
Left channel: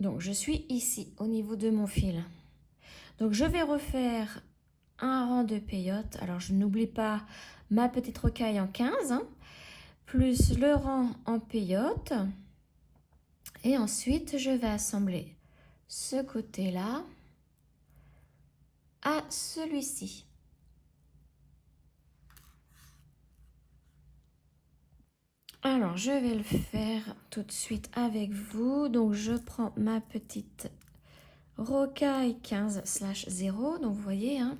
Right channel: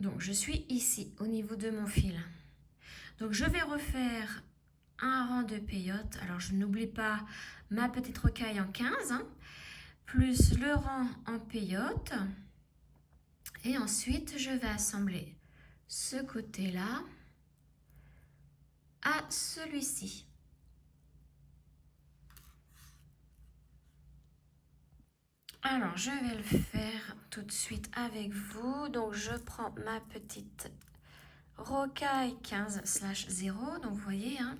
Donc, je suis ici, au niveau de mon fil. Donc, je vais refaire un rang de peyote. Alors, je n'oublie pas ma petite rocaille en 15, hein, plus le rang en peyote. Et ensuite, je vais assembler ce côté-là à celui-ci. Alors, je vais le faire tout de suite avec vous. Donc, je prends ma petite rocaille 15/0. Donc, vous voyez, hein,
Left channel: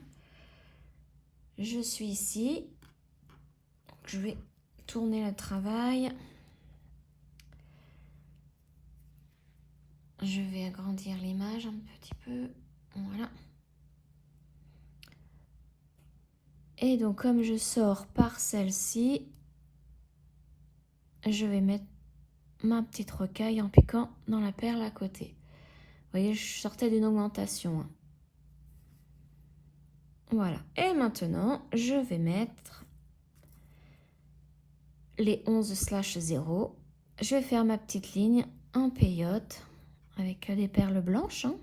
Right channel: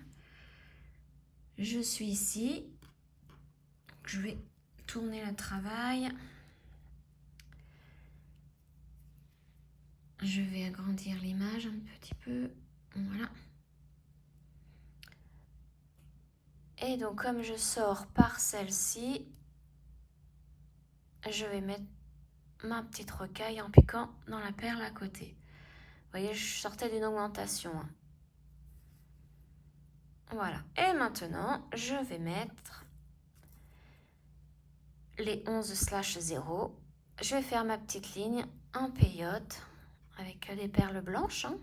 je suis ici. Je vais tourner le travail. Je vais agrandir l'image un petit peu. Voilà. Et donc, comme je sors par celle-ci, je vais mettre ma petite rocaille en piquant dans la perle à côté. Vous voyez, je sortais d'une augmentation. Hein. Voilà. Et maintenant, je vais mettre les 11/0. Je vais faire ma petite ligne en peyote avec des perles blanches. Hein.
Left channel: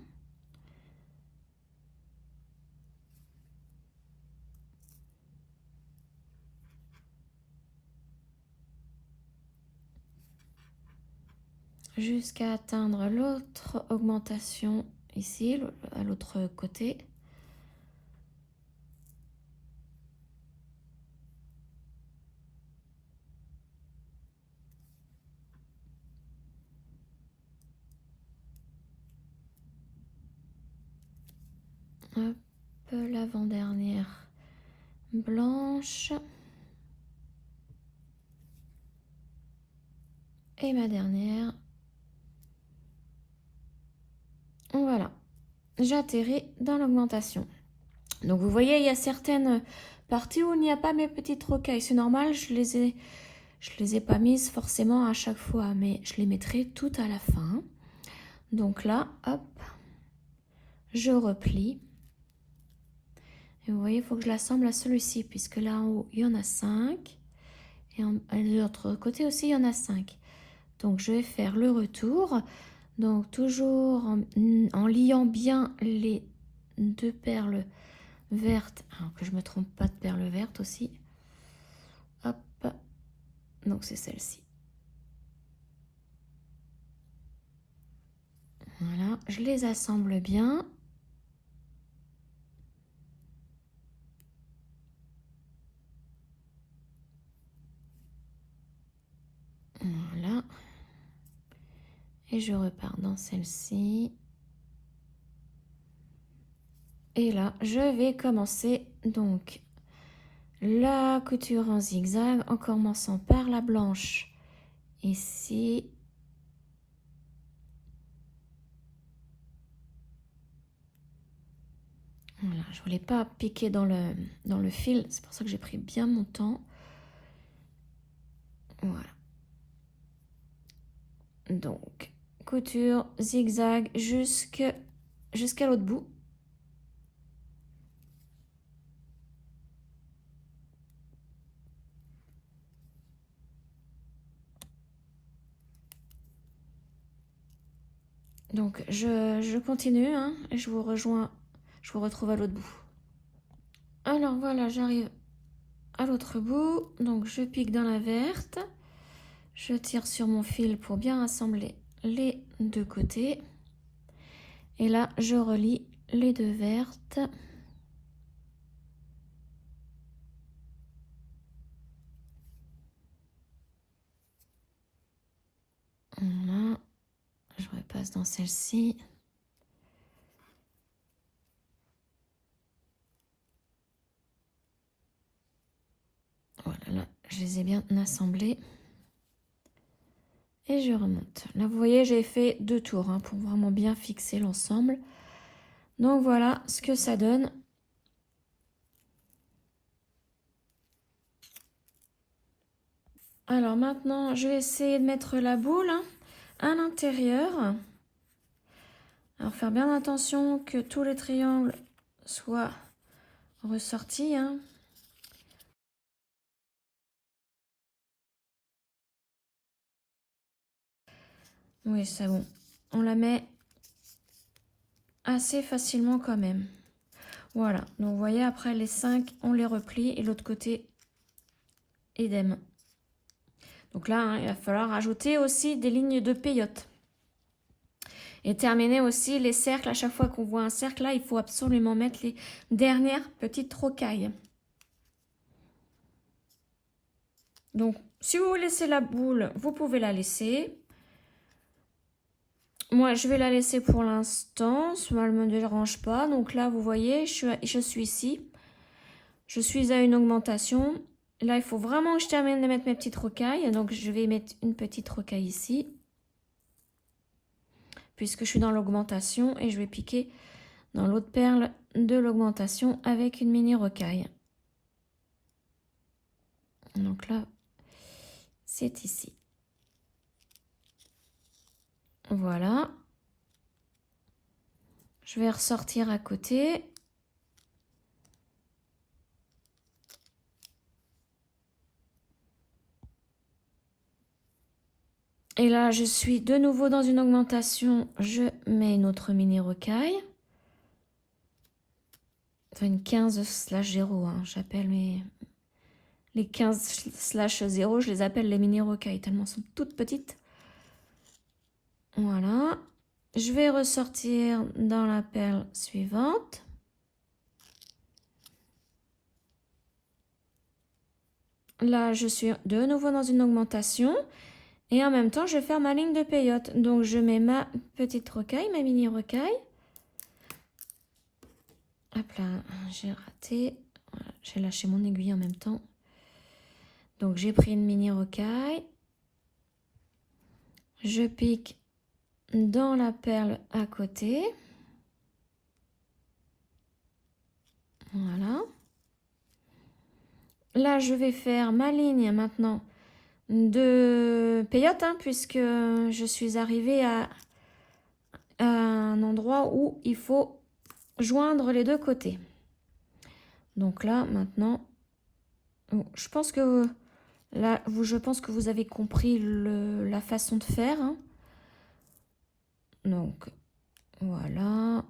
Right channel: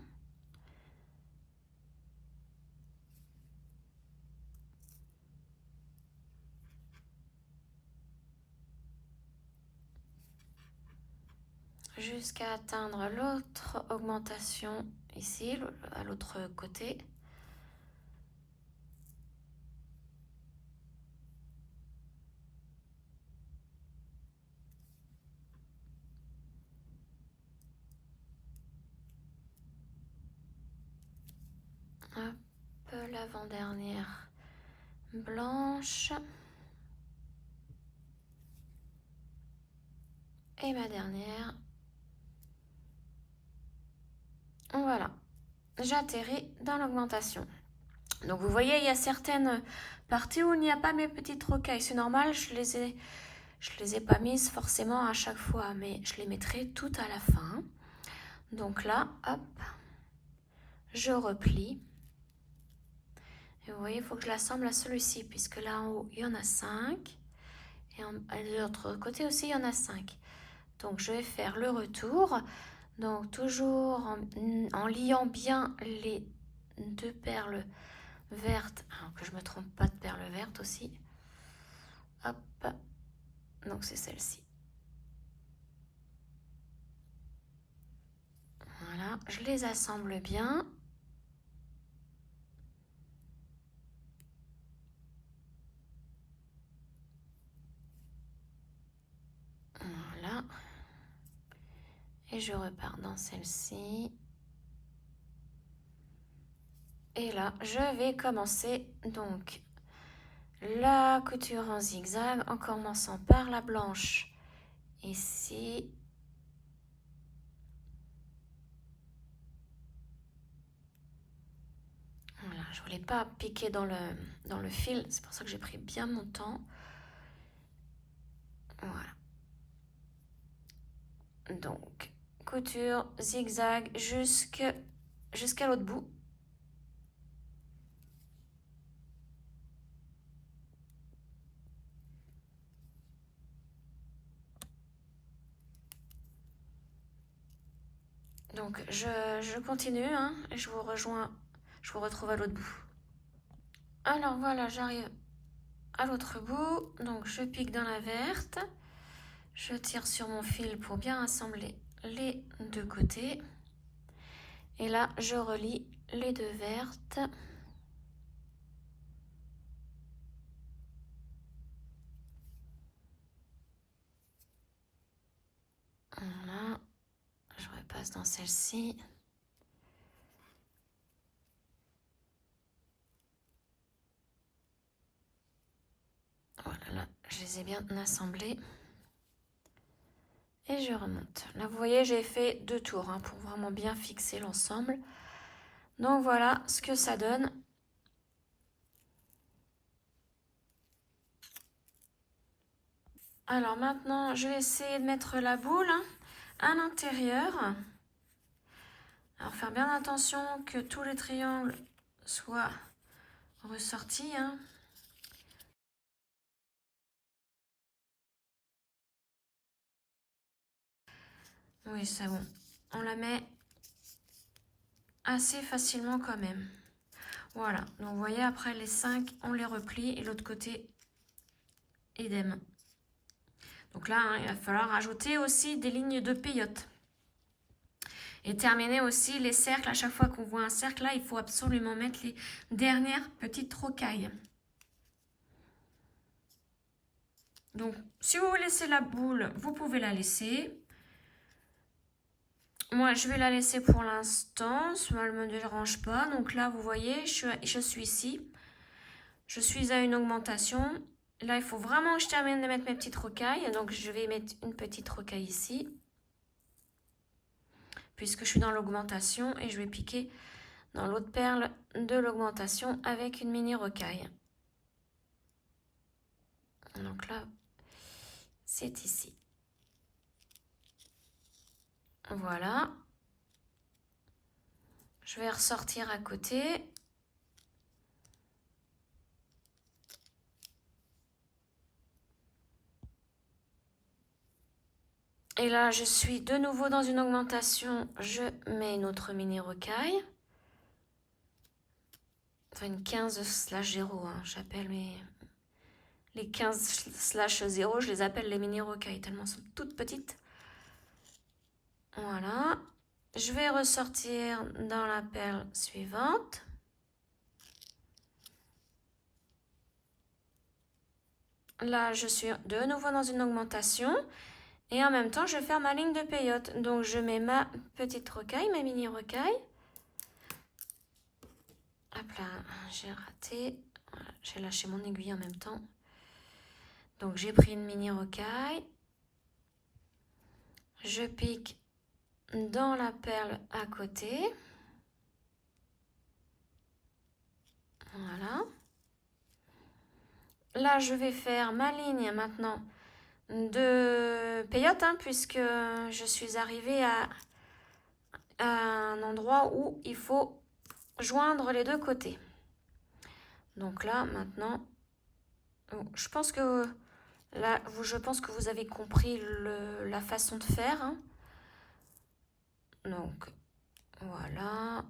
Jusqu'à atteindre l'autre augmentation ici, à l'autre côté. Hop, l'avant-dernière blanche. Et ma dernière. Voilà, j'atterris dans l'augmentation. Donc vous voyez, il y a certaines parties où il n'y a pas mes petites rocailles. C'est normal, je les ai pas mises forcément à chaque fois, mais je les mettrai tout à la fin. Donc là, hop, je replie. Et vous voyez, il faut que je l'assemble à celui-ci, puisque là en haut, il y en a 5. Et de l'autre côté aussi, il y en a 5. Donc je vais faire le retour. Donc toujours en liant bien les 2 perles vertes. Alors que je ne me trompe pas de perles vertes aussi. Hop. Donc c'est celle-ci. Voilà, je les assemble bien. Voilà. Et je repars dans celle-ci. Et là, je vais commencer donc la couture en zigzag en commençant par la blanche ici. Voilà, je ne voulais pas piquer dans le fil, c'est pour ça que j'ai pris bien mon temps. Voilà. Donc, couture zigzag jusqu'à jusqu'à l'autre bout. Donc je continue hein, et je vous rejoins, je vous retrouve à l'autre bout. Alors voilà, j'arrive à l'autre bout, donc je pique dans la verte, je tire sur mon fil pour bien assembler les deux côtés et là je relie les deux vertes. Voilà, je repasse dans celle-ci. Voilà, là, je les ai bien assemblés. Et je remonte. Là, vous voyez, j'ai fait 2 tours hein, pour vraiment bien fixer l'ensemble. Donc voilà ce que ça donne. Alors maintenant, je vais essayer de mettre la boule hein, à l'intérieur. Alors faire bien attention que tous les triangles soient ressortis. Hein. Oui, c'est bon. On la met assez facilement quand même. Voilà, donc vous voyez, après les 5, on les replie et l'autre côté, idem. Donc là, hein, il va falloir ajouter aussi des lignes de peyote. Et terminer aussi les cercles. À chaque fois qu'on voit un cercle, là, il faut absolument mettre les dernières petites rocailles. Donc, si vous laissez la boule, vous pouvez la laisser. Moi, je vais la laisser pour l'instant. Ça ne me dérange pas. Donc là, vous voyez, je suis ici. Je suis à une augmentation. Là, il faut vraiment que je termine de mettre mes petites rocailles. Donc, je vais mettre une petite rocaille ici. Puisque je suis dans l'augmentation. Et je vais piquer dans l'autre perle de l'augmentation avec une mini rocaille. Donc là, c'est ici. Voilà. Je vais ressortir à côté. Et là, je suis de nouveau dans une augmentation. Je mets une autre mini rocaille. Enfin, une 15/0. Hein. J'appelle les 15/0, je les appelle les mini rocailles tellement elles sont toutes petites. Voilà. Je vais ressortir dans la perle suivante. Là, je suis de nouveau dans une augmentation. Et en même temps, je vais faire ma ligne de peyote. Donc, je mets ma petite rocaille, ma mini rocaille. Hop là, j'ai raté. Voilà, j'ai lâché mon aiguille en même temps. Donc, j'ai pris une mini rocaille. Je pique dans la perle à côté. Voilà. Là, je vais faire ma ligne maintenant de peyote, hein, puisque je suis arrivée à un endroit où il faut joindre les deux côtés. Donc là, maintenant, je pense que là, je pense que vous avez compris la façon de faire. Hein. Donc, voilà.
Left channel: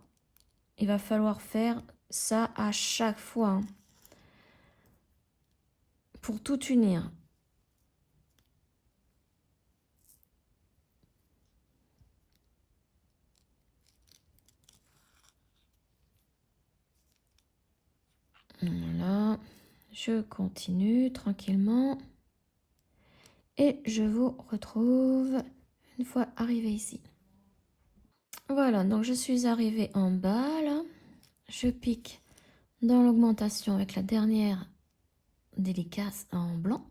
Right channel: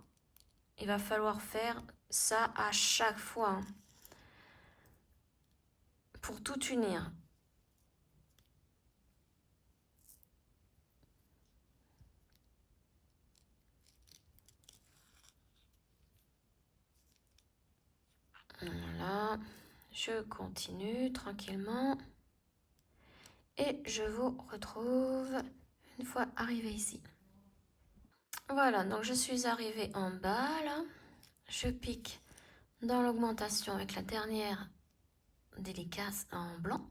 Il va falloir faire ça à chaque fois. Hein, pour tout unir. Voilà. Je continue tranquillement. Et je vous retrouve une fois arrivée ici. Voilà, donc je suis arrivée en bas là. Je pique dans l'augmentation avec la dernière délicace en blanc.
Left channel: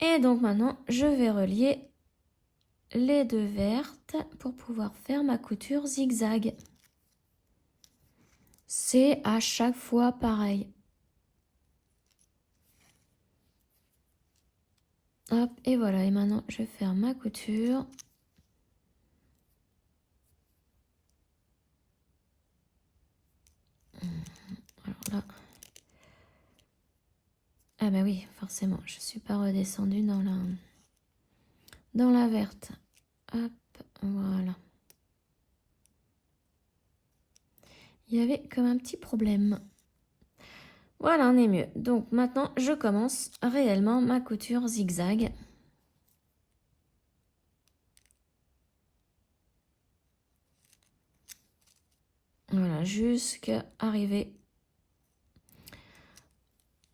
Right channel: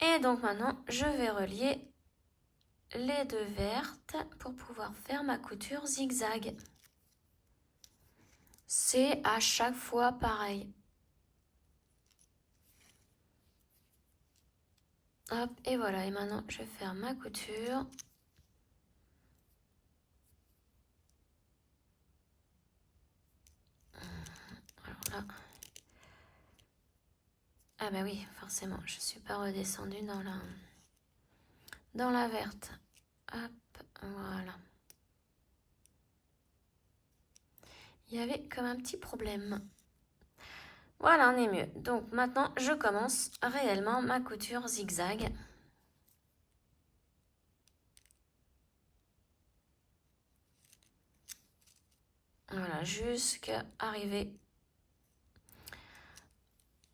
Et donc maintenant, je vais relier les deux vertes pour pouvoir faire ma couture zigzag. C'est à chaque fois pareil. Hop, et voilà. Et maintenant, je vais faire ma couture. Ah bah oui, forcément, je suis pas redescendue dans la verte. Hop, voilà. Il y avait comme un petit problème. Voilà, on est mieux. Donc maintenant, je commence réellement ma couture zigzag. Voilà, jusqu'à arriver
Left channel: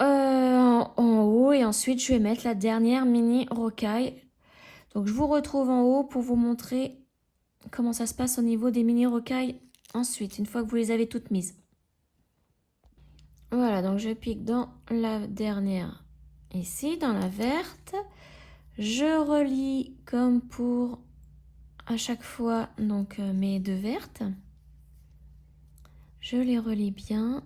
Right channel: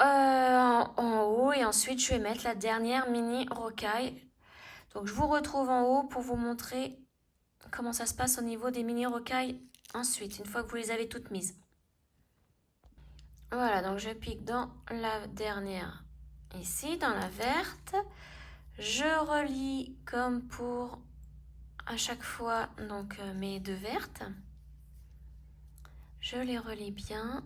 en haut. Et ensuite, je vais mettre la dernière mini rocaille. Donc, je vous retrouve en haut pour vous montrer comment ça se passe au niveau des mini rocailles ensuite, une fois que vous les avez toutes mises. Voilà, donc je pique dans la dernière ici, dans la verte. Je relie comme pour à chaque fois donc mes deux vertes. Je les relie bien.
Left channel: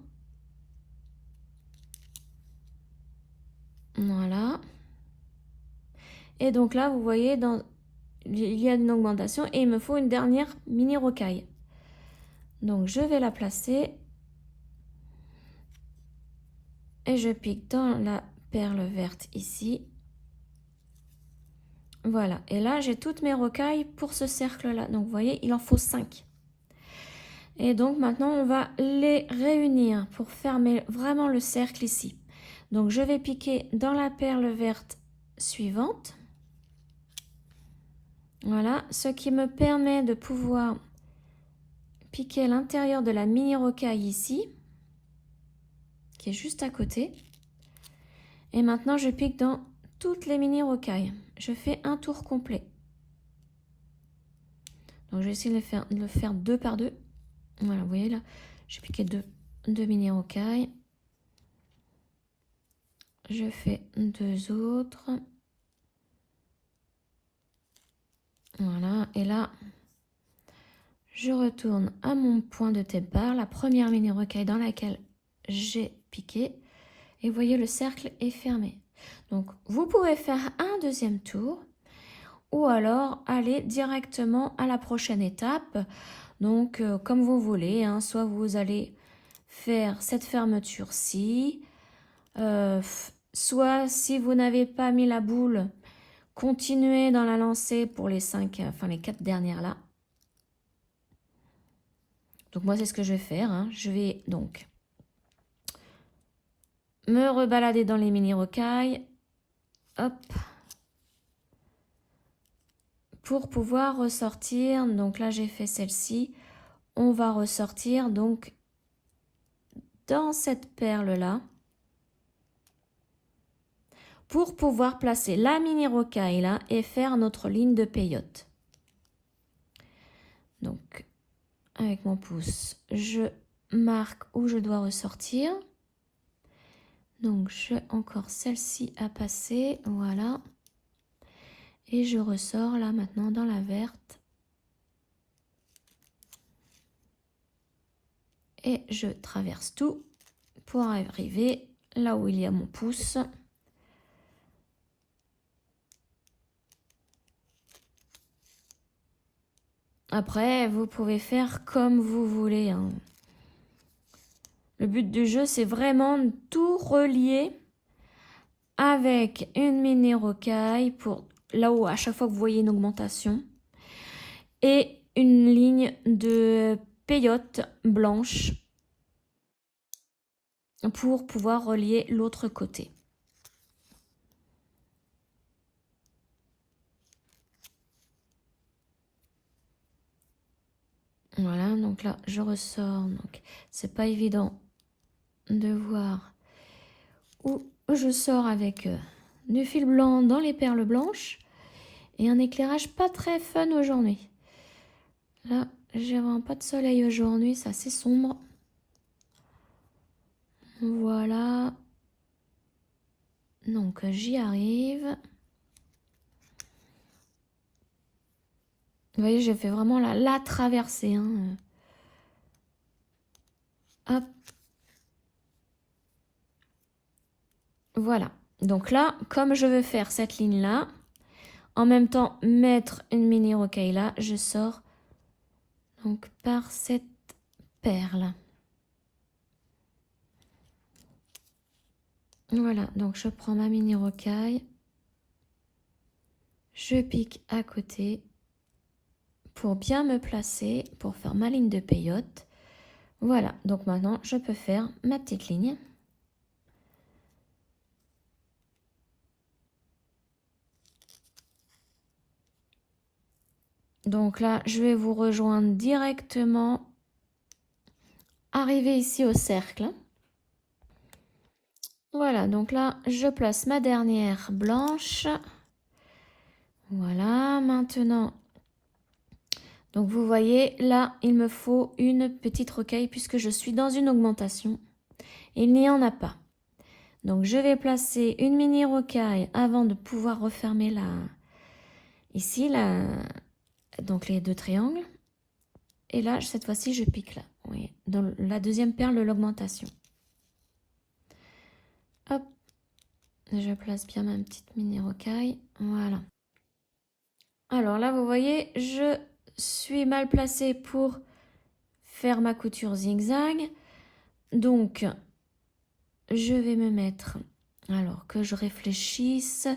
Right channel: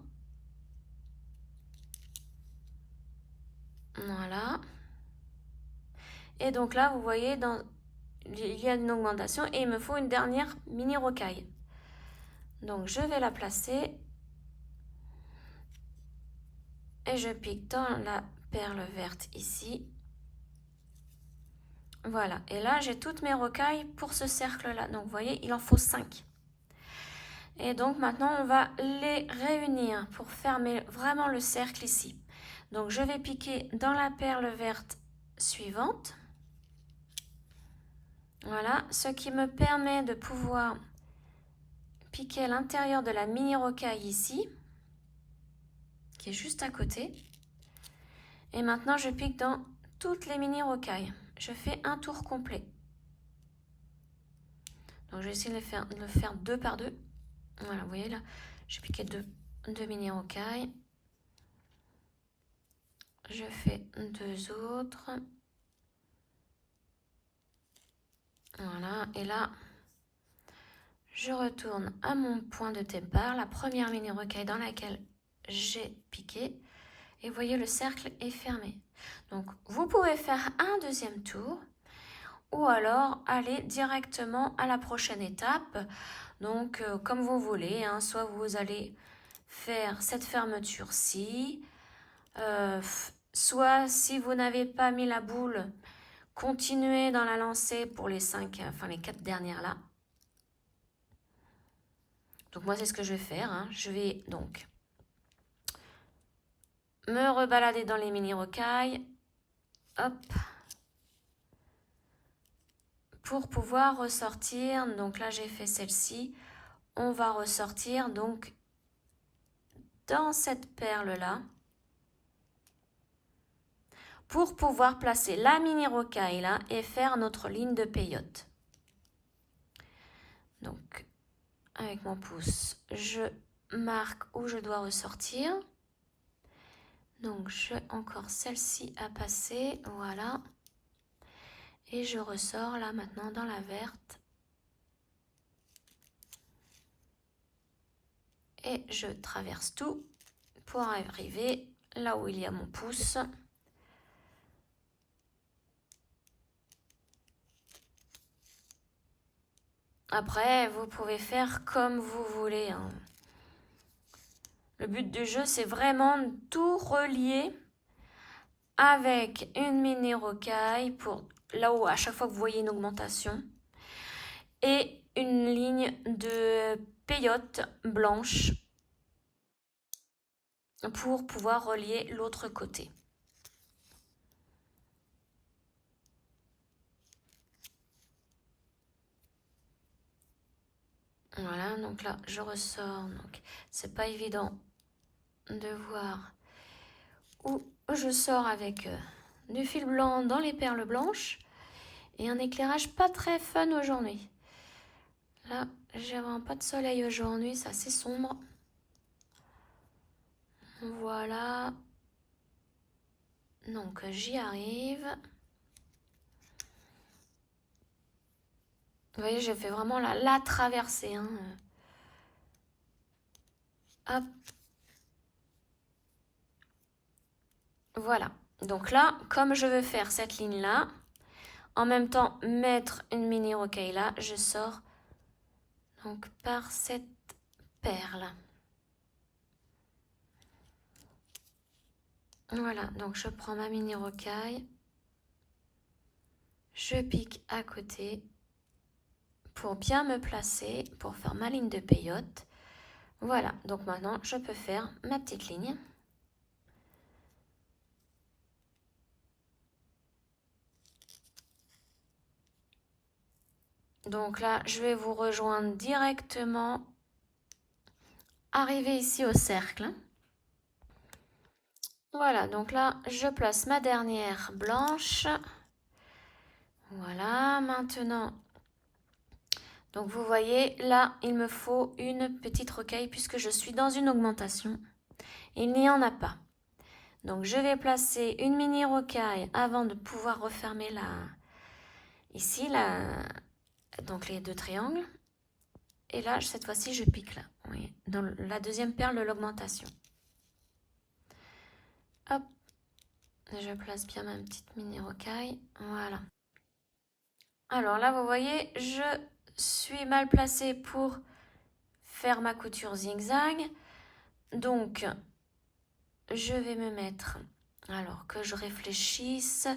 Voilà. Et donc là, vous voyez, il y a une augmentation et il me faut une dernière mini rocaille. Donc je vais la placer et je pique dans la perle verte ici. Voilà, et là j'ai toutes mes rocailles pour ce cercle là. Donc vous voyez, il en faut 5. Et donc maintenant on va les réunir pour fermer vraiment le cercle ici. Donc je vais piquer dans la perle verte suivante. Voilà, ce qui me permet de pouvoir piquer à l'intérieur de la mini rocaille ici, qui est juste à côté. Et maintenant je pique dans toutes les mini rocailles. Je fais un tour complet. Donc je vais essayer de le faire deux par deux. Voilà, vous voyez là, j'ai piqué deux mini rocailles. Je fais deux autres. Voilà, et là, je retourne à mon point de départ, la première mini rocaille dans laquelle j'ai piqué. Et vous voyez, le cercle est fermé. Donc, vous pouvez faire un deuxième tour ou alors aller directement à la prochaine étape. Donc, comme vous voulez, hein, soit vous allez faire cette fermeture-ci, soit si vous n'avez pas mis la boule, continuez dans la lancée pour les 4 dernières là. Donc moi c'est ce que je vais faire, hein. Je vais donc me rebalader dans les mini rocailles, hop, pour pouvoir ressortir. Donc là j'ai fait celle-ci, on va ressortir donc dans cette perle là pour pouvoir placer la mini rocaille là et faire notre ligne de peyote. Donc avec mon pouce je marque où je dois ressortir. Donc j'ai encore celle-ci à passer, voilà. Et je ressors là maintenant dans la verte. Et je traverse tout pour arriver là où il y a mon pouce. Après, vous pouvez faire comme vous voulez, hein. Le but du jeu, c'est vraiment de tout relier avec une mini rocaille pour là où à chaque fois que vous voyez une augmentation et une ligne de peyote blanche pour pouvoir relier l'autre côté. Voilà, donc là je ressors, donc c'est pas évident de voir où je sors avec du fil blanc dans les perles blanches et un éclairage pas très fun aujourd'hui. Là, j'ai vraiment pas de soleil aujourd'hui, c'est assez sombre. Voilà. Donc j'y arrive. Vous voyez, j'ai fait vraiment la traversée, hein. Hop. Voilà. Donc là, comme je veux faire cette ligne-là, en même temps mettre une mini rocaille là, je sors donc par cette perle. Voilà, donc je prends ma mini rocaille, je pique à côté pour bien me placer, pour faire ma ligne de peyote. Voilà, donc maintenant je peux faire ma petite ligne. Donc là, je vais vous rejoindre directement, arriver ici au cercle. Voilà, donc là, je place ma dernière blanche. Voilà, maintenant, donc vous voyez, là, il me faut une petite rocaille puisque je suis dans une augmentation. Il n'y en a pas. Donc je vais placer une mini rocaille avant de pouvoir refermer ici, donc les deux triangles. Et là, cette fois-ci, je pique là, vous voyez, dans la deuxième perle de l'augmentation. Hop, je place bien ma petite mini rocaille, voilà. Alors là, vous voyez, je suis mal placée pour faire ma couture zigzag. Donc, je vais me mettre, alors que je réfléchisse,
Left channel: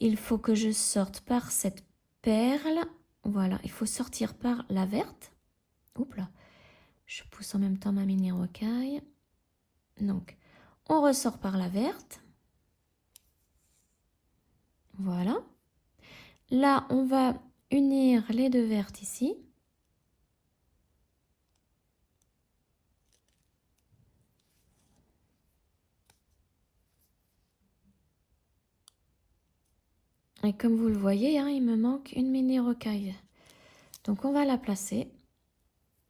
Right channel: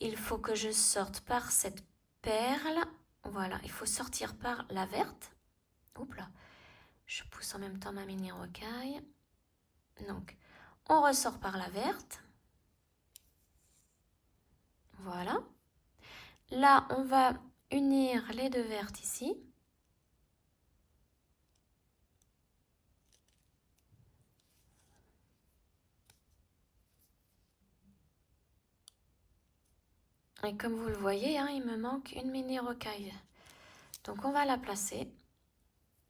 il faut que je sorte par cette perle. Voilà, il faut sortir par la verte. Oups là, je pousse en même temps ma mini rocaille. Donc, on ressort par la verte. Voilà. Là, on va unir les deux vertes ici. Et comme vous le voyez, hein, il me manque une mini rocaille. Donc, on va la placer.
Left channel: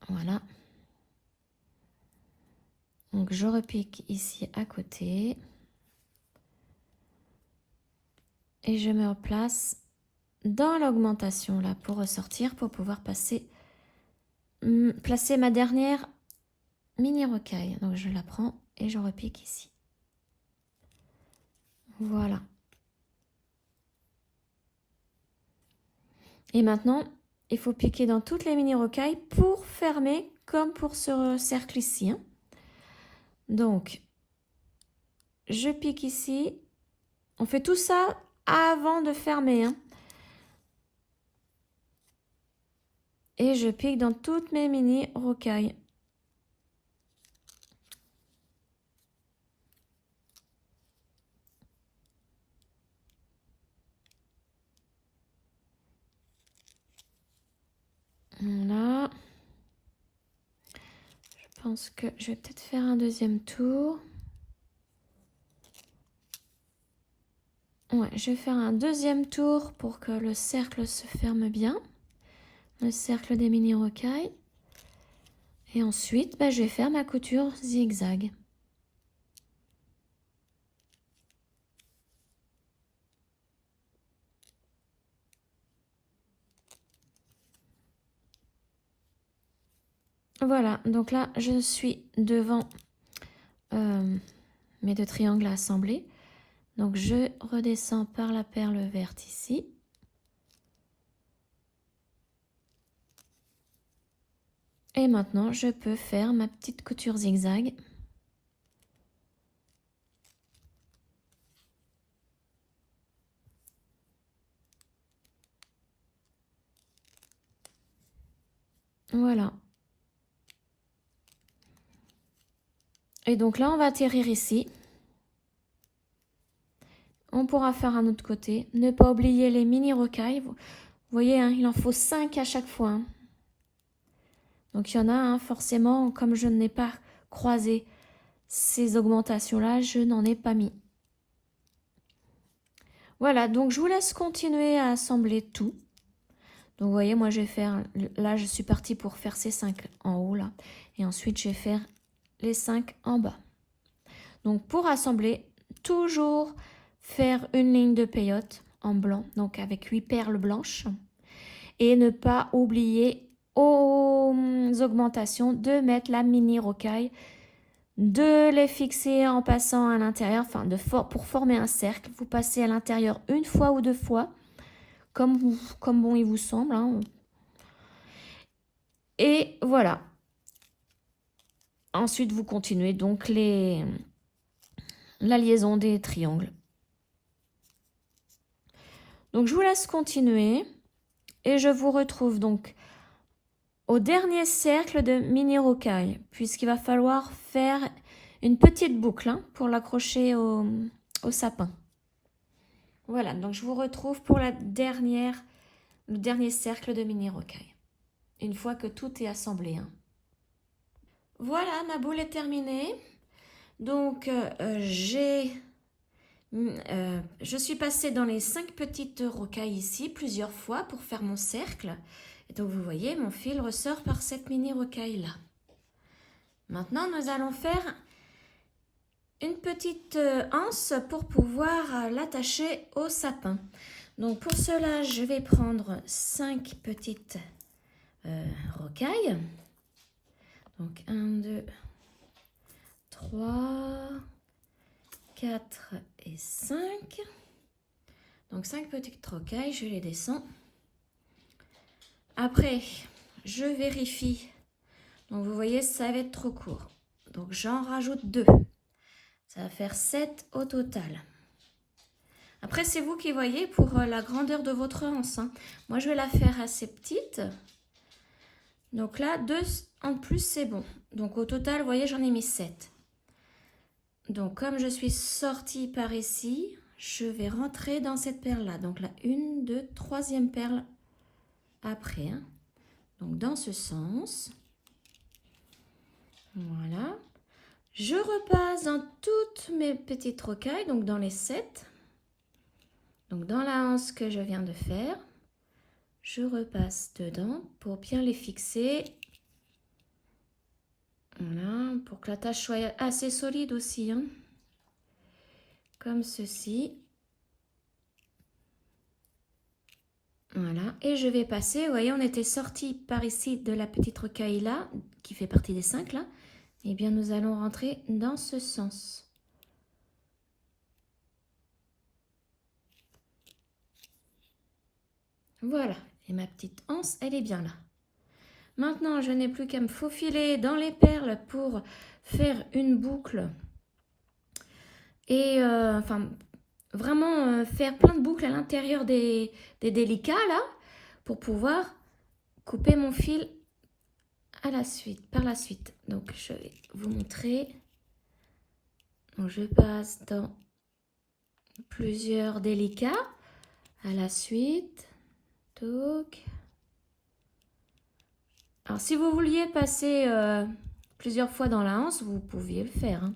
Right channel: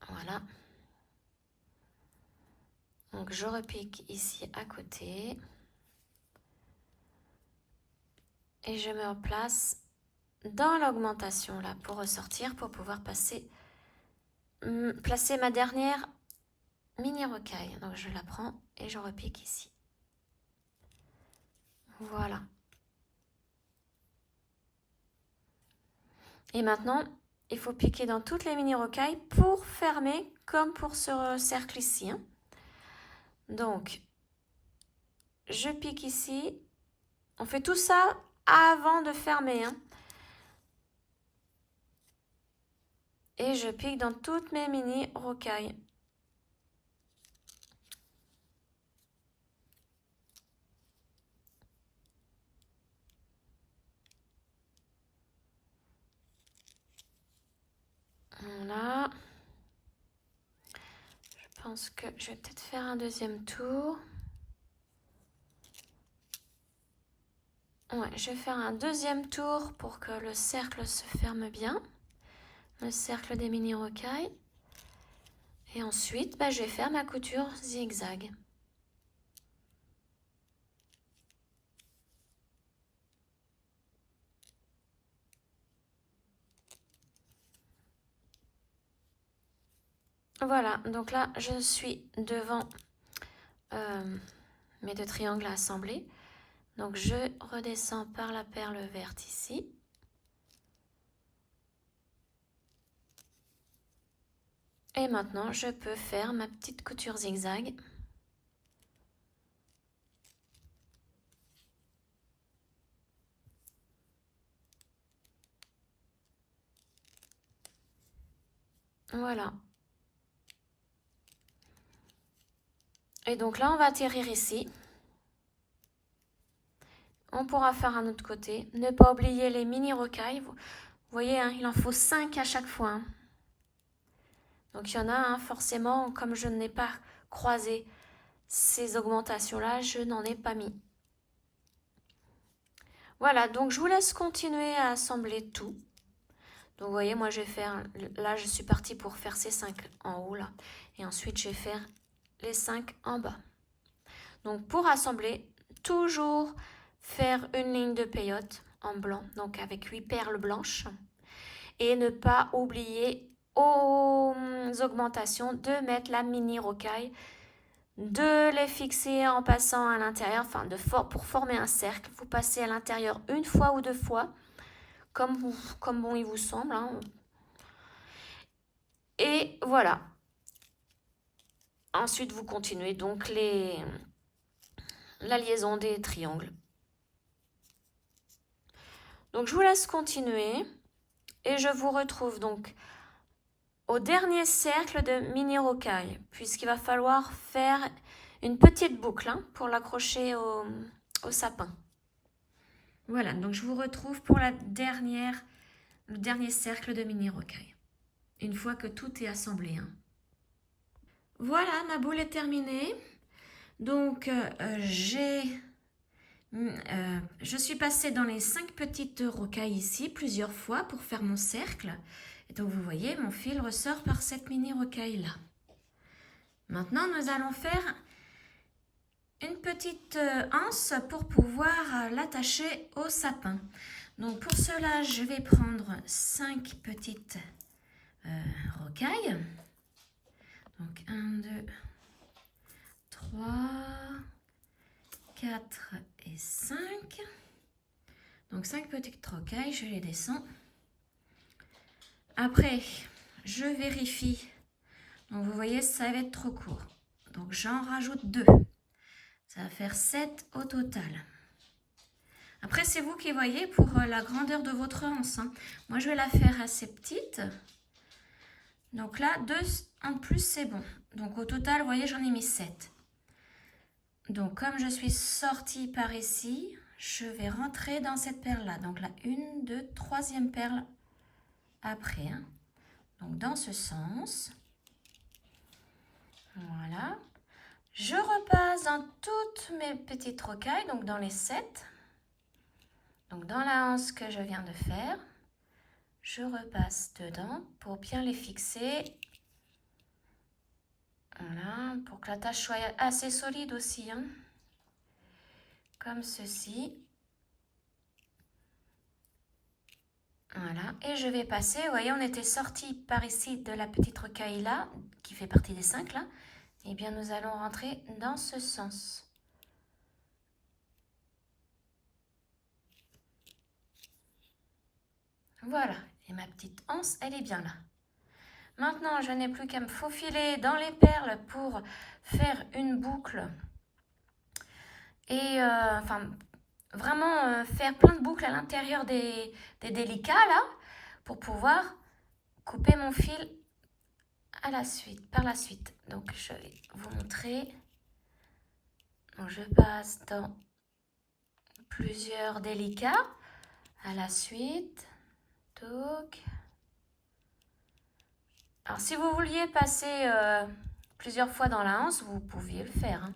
Voilà. Donc, je repique ici à côté. Et je me replace dans l'augmentation là pour ressortir, pour pouvoir placer ma dernière mini rocaille. Donc, je la prends et je repique ici. Voilà. Et maintenant, il faut piquer dans toutes les mini rocailles pour fermer comme pour ce cercle ici. Hein. Donc, je pique ici. On fait tout ça avant de fermer. Hein. Et je pique dans toutes mes mini rocailles. Voilà. Je pense que je vais peut-être faire un deuxième tour. Ouais, je vais faire un deuxième tour pour que le cercle se ferme bien. Le cercle des mini rocailles. Et ensuite, je vais faire ma couture zigzag. Voilà, donc là, je suis devant mes deux triangles assemblés. Donc, je redescends par la perle verte ici. Et maintenant, je peux faire ma petite couture zigzag. Voilà. Et donc là, on va atterrir ici. On pourra faire un autre côté. Ne pas oublier les mini rocailles. Vous voyez, hein, il en faut 5 à chaque fois. Hein. Donc il y en a, hein, forcément, comme je n'ai pas croisé ces augmentations-là, je n'en ai pas mis. Voilà, donc je vous laisse continuer à assembler tout. Donc vous voyez, moi je vais faire, là je suis partie pour faire ces 5 en haut là. Et ensuite je vais faire les 5 en bas. Donc pour assembler, toujours faire une ligne de peyote en blanc, donc avec 8 perles blanches. Et ne pas oublier aux augmentations de mettre la mini rocaille, de les fixer en passant à l'intérieur, enfin pour former un cercle. Vous passez à l'intérieur une fois ou deux fois, comme bon il vous semble. Hein. Et voilà. Ensuite, vous continuez donc la liaison des triangles. Donc je vous laisse continuer et je vous retrouve donc au dernier cercle de mini rocaille, puisqu'il va falloir faire une petite boucle hein, pour l'accrocher au sapin. Voilà, donc je vous retrouve pour le dernier cercle de mini rocaille, une fois que tout est assemblé. Hein. Voilà, ma boule est terminée. Donc je suis passée dans les 5 petites rocailles ici plusieurs fois pour faire mon cercle. Et donc vous voyez, mon fil ressort par cette mini rocaille là. Maintenant, nous allons faire une petite anse pour pouvoir l'attacher au sapin. Donc pour cela, je vais prendre 5 petites rocailles. Donc 1, 2, 3, 4 et 5. Donc 5 petites rocailles, je les descends. Après, je vérifie. Donc vous voyez, ça va être trop court. Donc j'en rajoute 2. Ça va faire 7 au total. Après, c'est vous qui voyez pour la grandeur de votre anse. Hein. Moi, je vais la faire assez petite. Donc là, 2 en plus, c'est bon. Donc au total, vous voyez, j'en ai mis 7. Donc comme je suis sortie par ici, je vais rentrer dans cette perle-là. Donc la 1, 2, 3e perle après. Hein. Donc dans ce sens. Voilà. Je repasse dans toutes mes petites rocailles, donc dans les 7. Donc dans la anse que je viens de faire, je repasse dedans pour bien les fixer. Voilà, pour que la tâche soit assez solide aussi. Hein. Comme ceci. Voilà, et je vais passer, vous voyez, on était sorti par ici de la petite rocaille là, qui fait partie des 5 là. Eh bien, nous allons rentrer dans ce sens. Voilà, et ma petite anse, elle est bien là. Maintenant, je n'ai plus qu'à me faufiler dans les perles pour faire une boucle. Et enfin, vraiment faire plein de boucles à l'intérieur des délicats là, pour pouvoir couper mon fil par la suite. Donc, je vais vous montrer. Donc, je passe dans plusieurs délicats à la suite. Donc. Alors, si vous vouliez passer plusieurs fois dans la anse, vous pouviez le faire. Hein.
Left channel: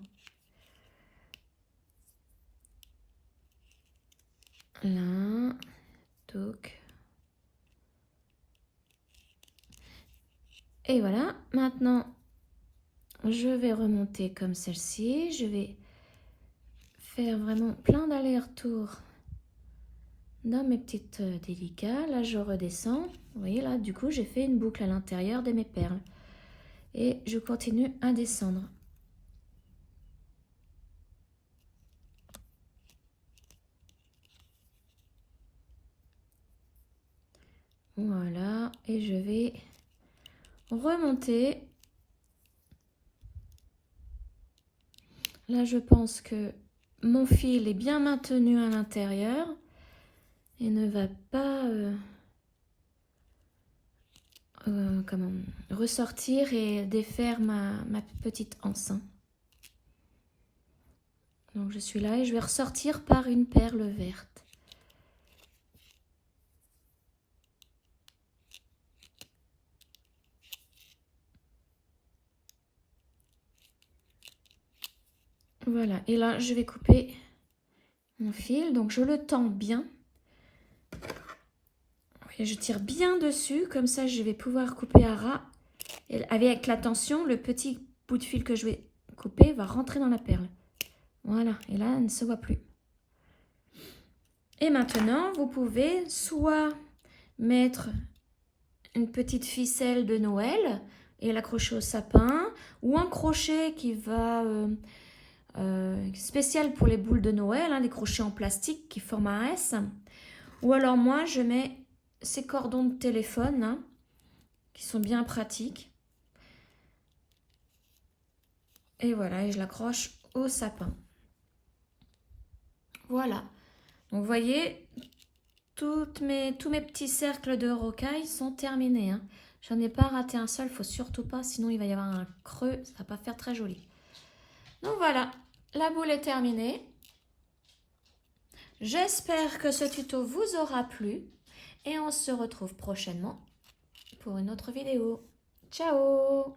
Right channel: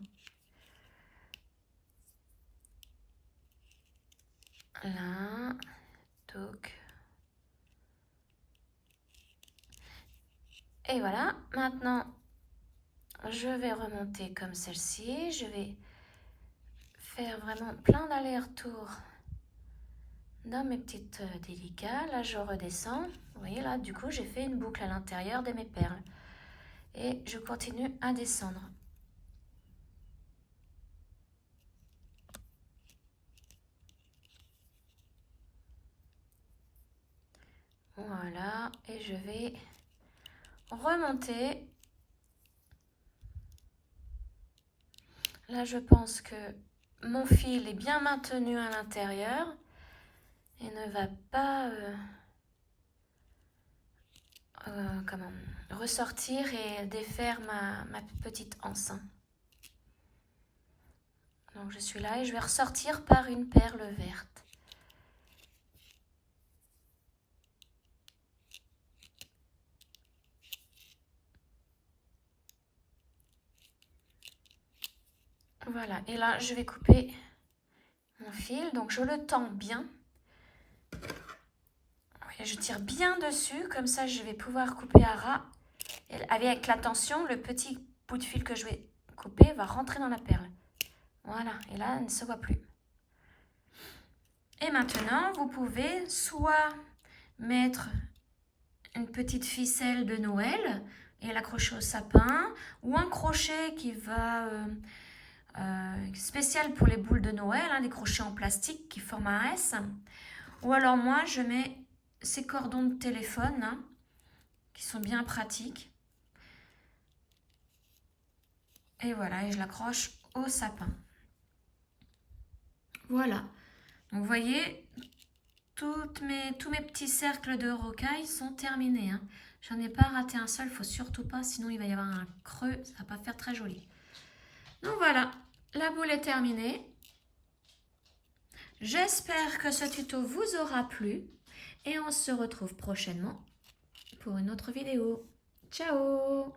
Là, donc. Et voilà, maintenant, je vais remonter comme celle-ci. Je vais faire vraiment plein d'allers-retours dans mes petites délicats. Là, je redescends. Vous voyez, là, du coup, j'ai fait une boucle à l'intérieur de mes perles. Et je continue à descendre. Voilà, et je vais remonter. Là, je pense que mon fil est bien maintenu à l'intérieur et ne va pas ressortir et défaire ma petite anse. Donc, je suis là et je vais ressortir par une perle verte. Voilà, et là, je vais couper mon fil. Donc, je le tends bien. Et je tire bien dessus, comme ça, je vais pouvoir couper à ras. Et avec la tension, le petit bout de fil que je vais couper va rentrer dans la perle. Voilà, et là, elle ne se voit plus. Et maintenant, vous pouvez soit mettre une petite ficelle de Noël et l'accrocher au sapin, ou un crochet qui va spécial pour les boules de Noël, hein, des crochets en plastique qui forment un S. Ou alors moi, je mets ces cordons de téléphone hein, qui sont bien pratiques. Et voilà, et je l'accroche au sapin. Voilà. Donc, vous voyez, tous mes petits cercles de rocaille sont terminés. Hein. J'en ai pas raté un seul, il faut surtout pas, sinon il va y avoir un creux, ça va pas faire très joli. Donc voilà, la boule est terminée. J'espère que ce tuto vous aura plu et on se retrouve prochainement pour une autre vidéo. Ciao!